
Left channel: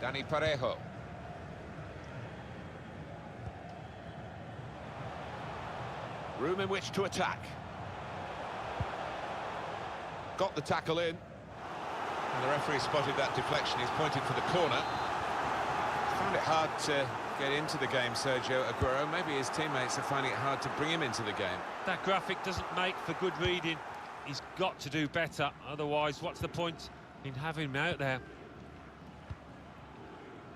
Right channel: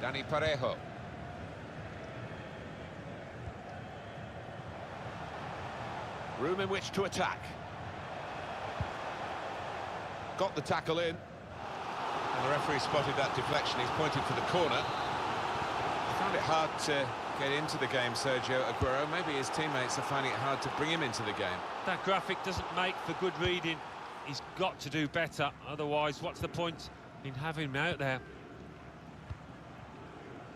Dani Parejo. Room in which to attack. Got the tackle in. And the referee spotted that deflection. He's pointed for the corner. Found it hard to get into the game, Sergio Aguero. Maybe his teammates are finding it hard to bring him into the game. That graphic doesn't make for good reading. He's got to do better. Otherwise, what's the point in having him out there?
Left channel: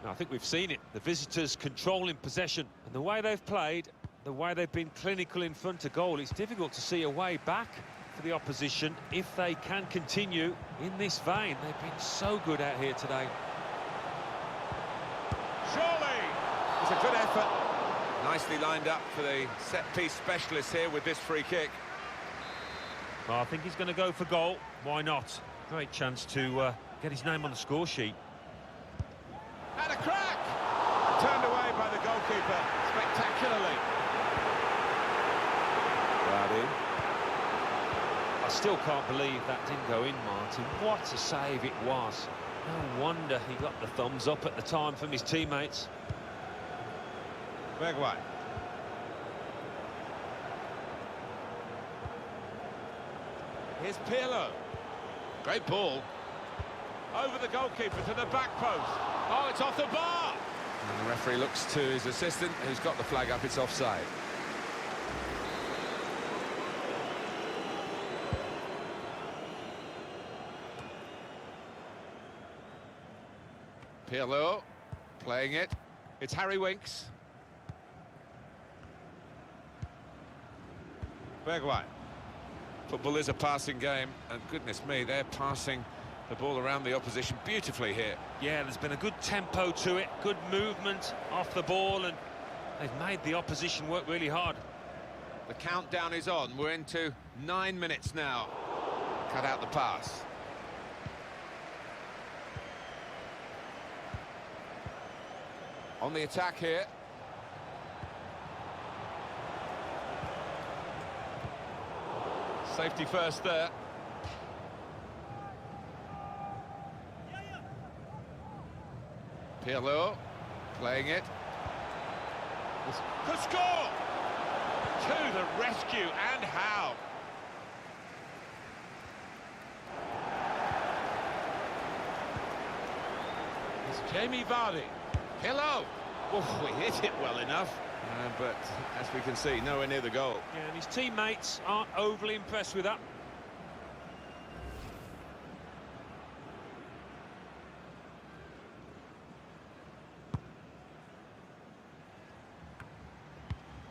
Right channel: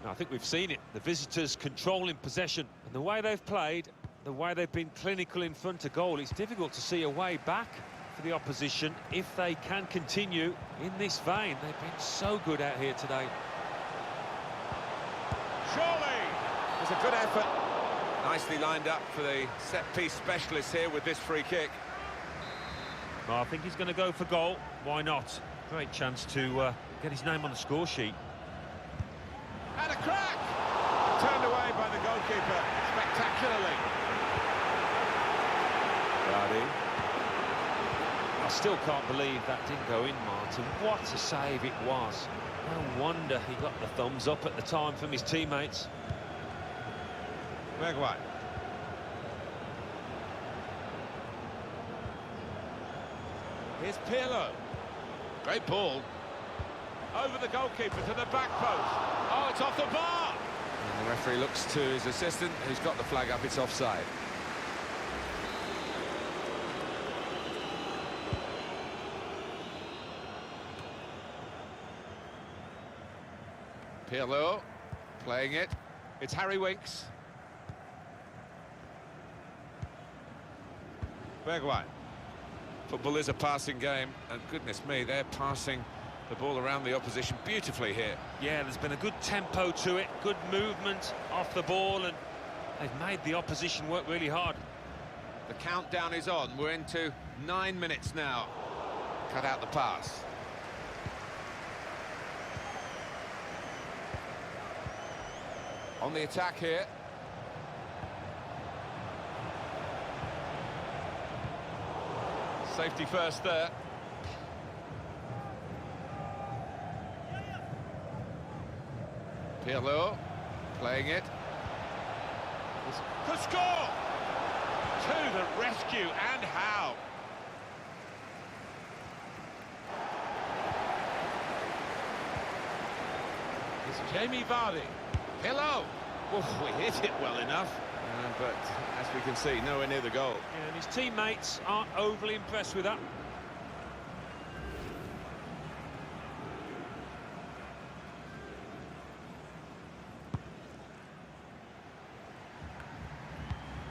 Now, I think we've seen it. The visitors controlling possession. And the way they've played, the way they've been clinical in front of goal, it's difficult to see a way back for the opposition if they can continue in this vein. They've been so good out here today. Surely! It's a good effort. Nicely lined up for the set-piece specialist here with this free kick. Well, I think he's going to go for goal. Why not? Great chance to get his name on the score sheet. And a crack! Turned away by the goalkeeper spectacularly. Vardy. I still can't believe that didn't go in, Martin. What a save it was. No wonder he got the thumbs up at the time from his teammates. Bergwijn. Here's Pirlo. Great ball. Over the goalkeeper to the back post. Oh, it's off the bar! And the referee looks to his assistant, who's got the flag up. It's offside. Pirlo playing it. It's Harry Winks. Bergwijn. Football is a passing game, and goodness me, they're passing the ball around the opposition beautifully here. Yeah, there's been a good tempo to it, good movement off the ball, and they've made the opposition work really hard. The countdown is on. We're into 9 minutes now. Cut out the pass. On the attack here. Safety first there. Pirlo playing it. Could score! To the rescue, and how? It's Jamie Vardy. Pirlo! Oh, we hit it well enough. But as we can see, nowhere near the goal. Yeah, and his teammates aren't overly impressed with that.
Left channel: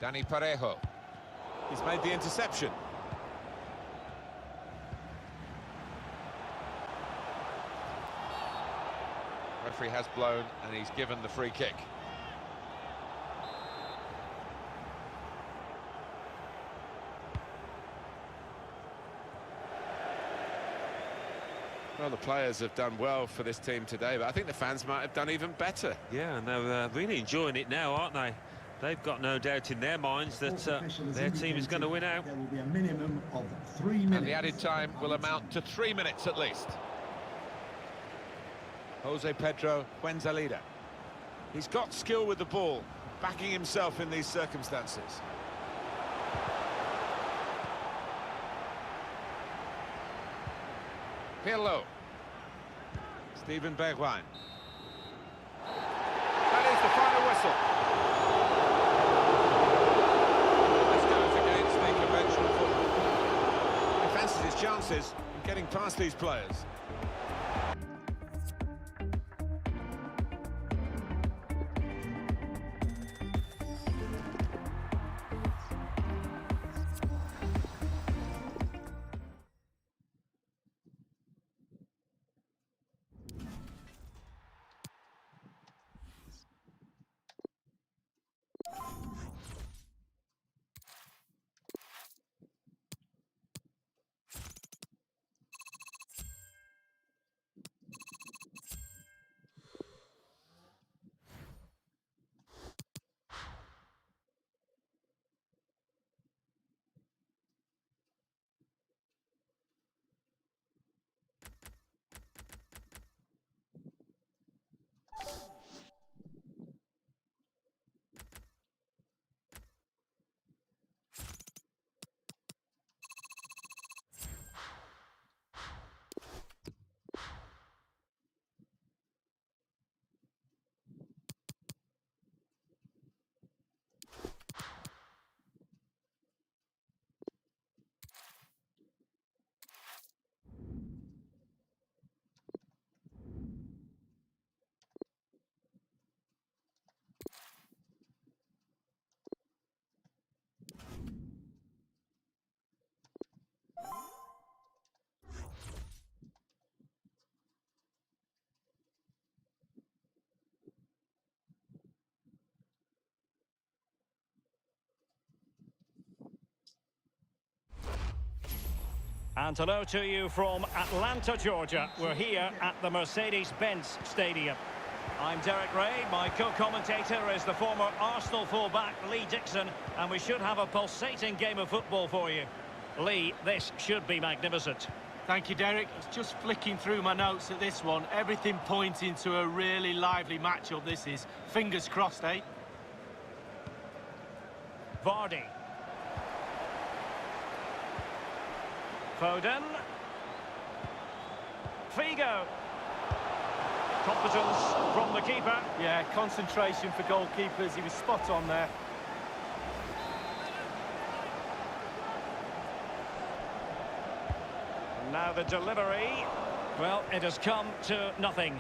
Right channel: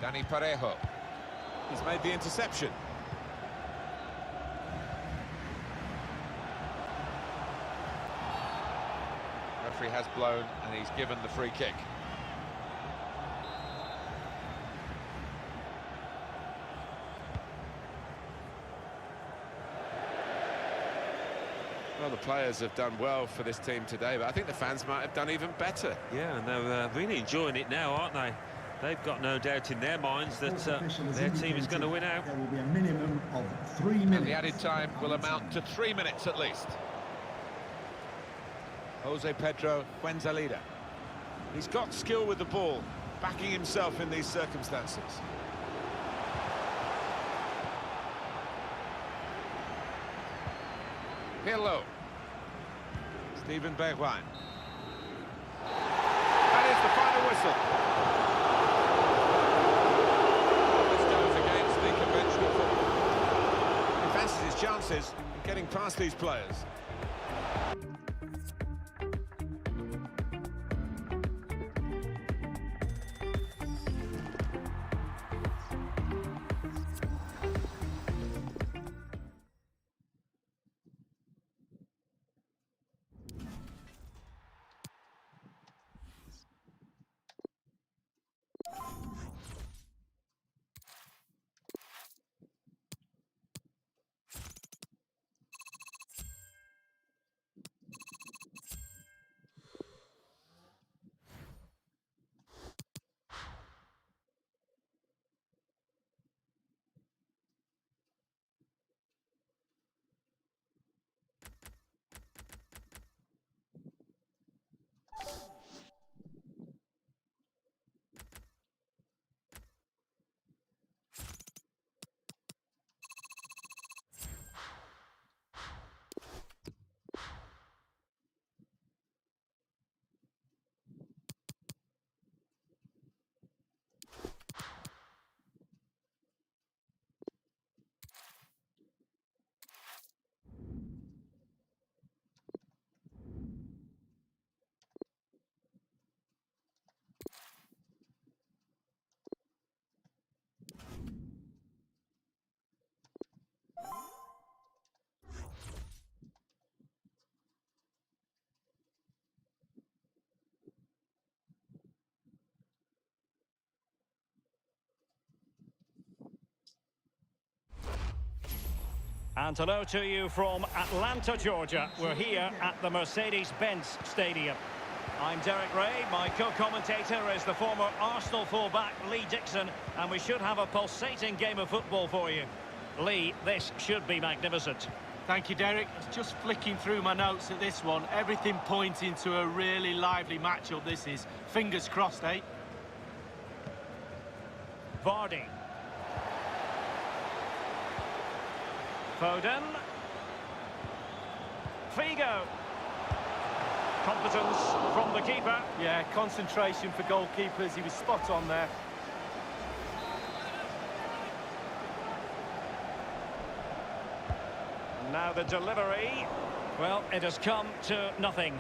Dani Parejo. He's made the interception. Referee has blown and he's given the free kick. Well, the players have done well for this team today, but I think the fans might have done even better. Yeah, and they're really enjoying it now, aren't they? They've got no doubt in their minds that their team is going to win out. There will be a minimum of 3 minutes. And the added time will amount to 3 minutes at least. Jose Pedro Fuenzalida. He's got skill with the ball, backing himself in these circumstances. Pirlo. Steven Bergwijn. That is the final whistle. This goes against the conventional football. He fancies his chances in getting past these players. And hello to you from Atlanta, Georgia. We're here at the Mercedes-Benz Stadium. I'm Derek Ray. My co-commentator is the former Arsenal fullback Lee Dixon, and we should have a pulsating game of football for you. Lee, this should be magnificent. Thank you, Derek. I was just flicking through my notes at this one. Everything pointing to a really lively matchup this is. Fingers crossed, eh? Vardy. Foden. Figo. Competence from the keeper. Yeah, concentration for goalkeepers. He was spot on there. And now the delivery. Well, it has come to nothing.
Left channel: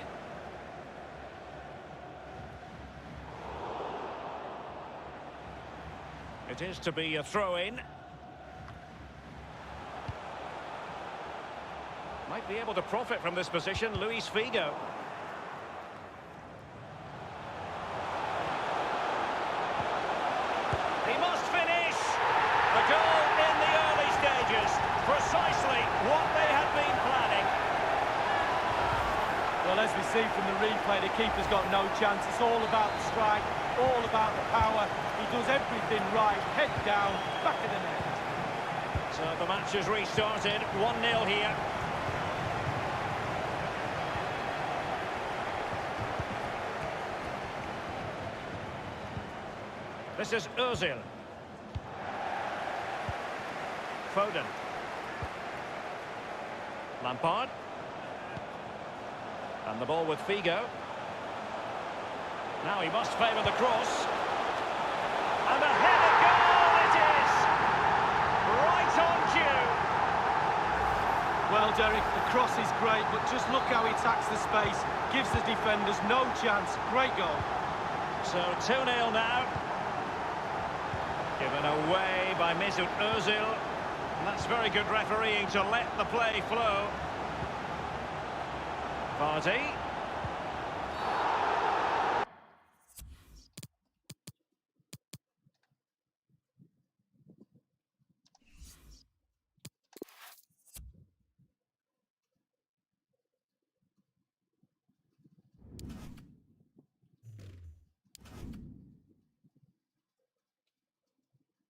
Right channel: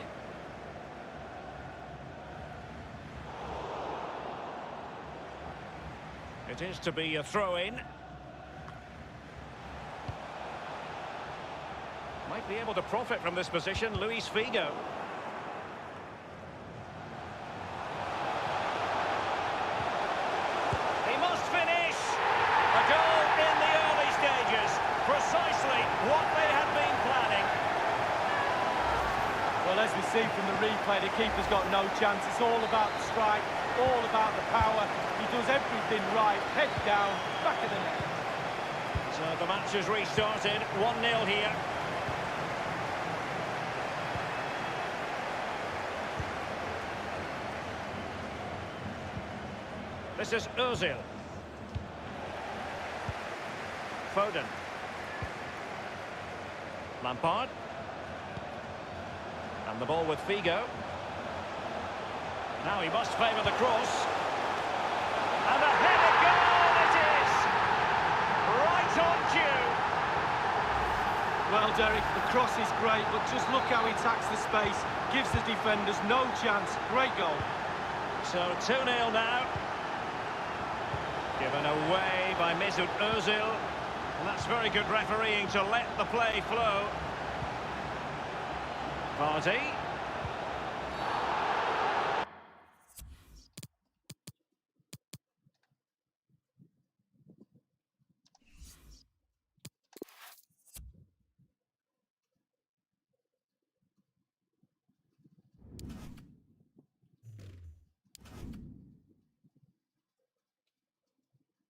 It is to be a throw-in. Might be able to profit from this position, Luis Figo. He must finish! A goal in the early stages. Precisely what they had been planning. Well, as we see from the replay, the keeper's got no chance. It's all about the strike, all about the power. He does everything right, head down, back of the net. So the match has restarted, 1-0 here. This is Ozil. Foden. Lampard. And the ball with Figo. Now he must favour the cross. And a headed goal it is! Right on cue. Well, Derek, the cross is great, but just look how he attacks the space. Gives the defenders no chance. Great goal. So 2-0 now. Given away by Mesut Ozil. And that's very good refereeing to let the play flow. Vardy.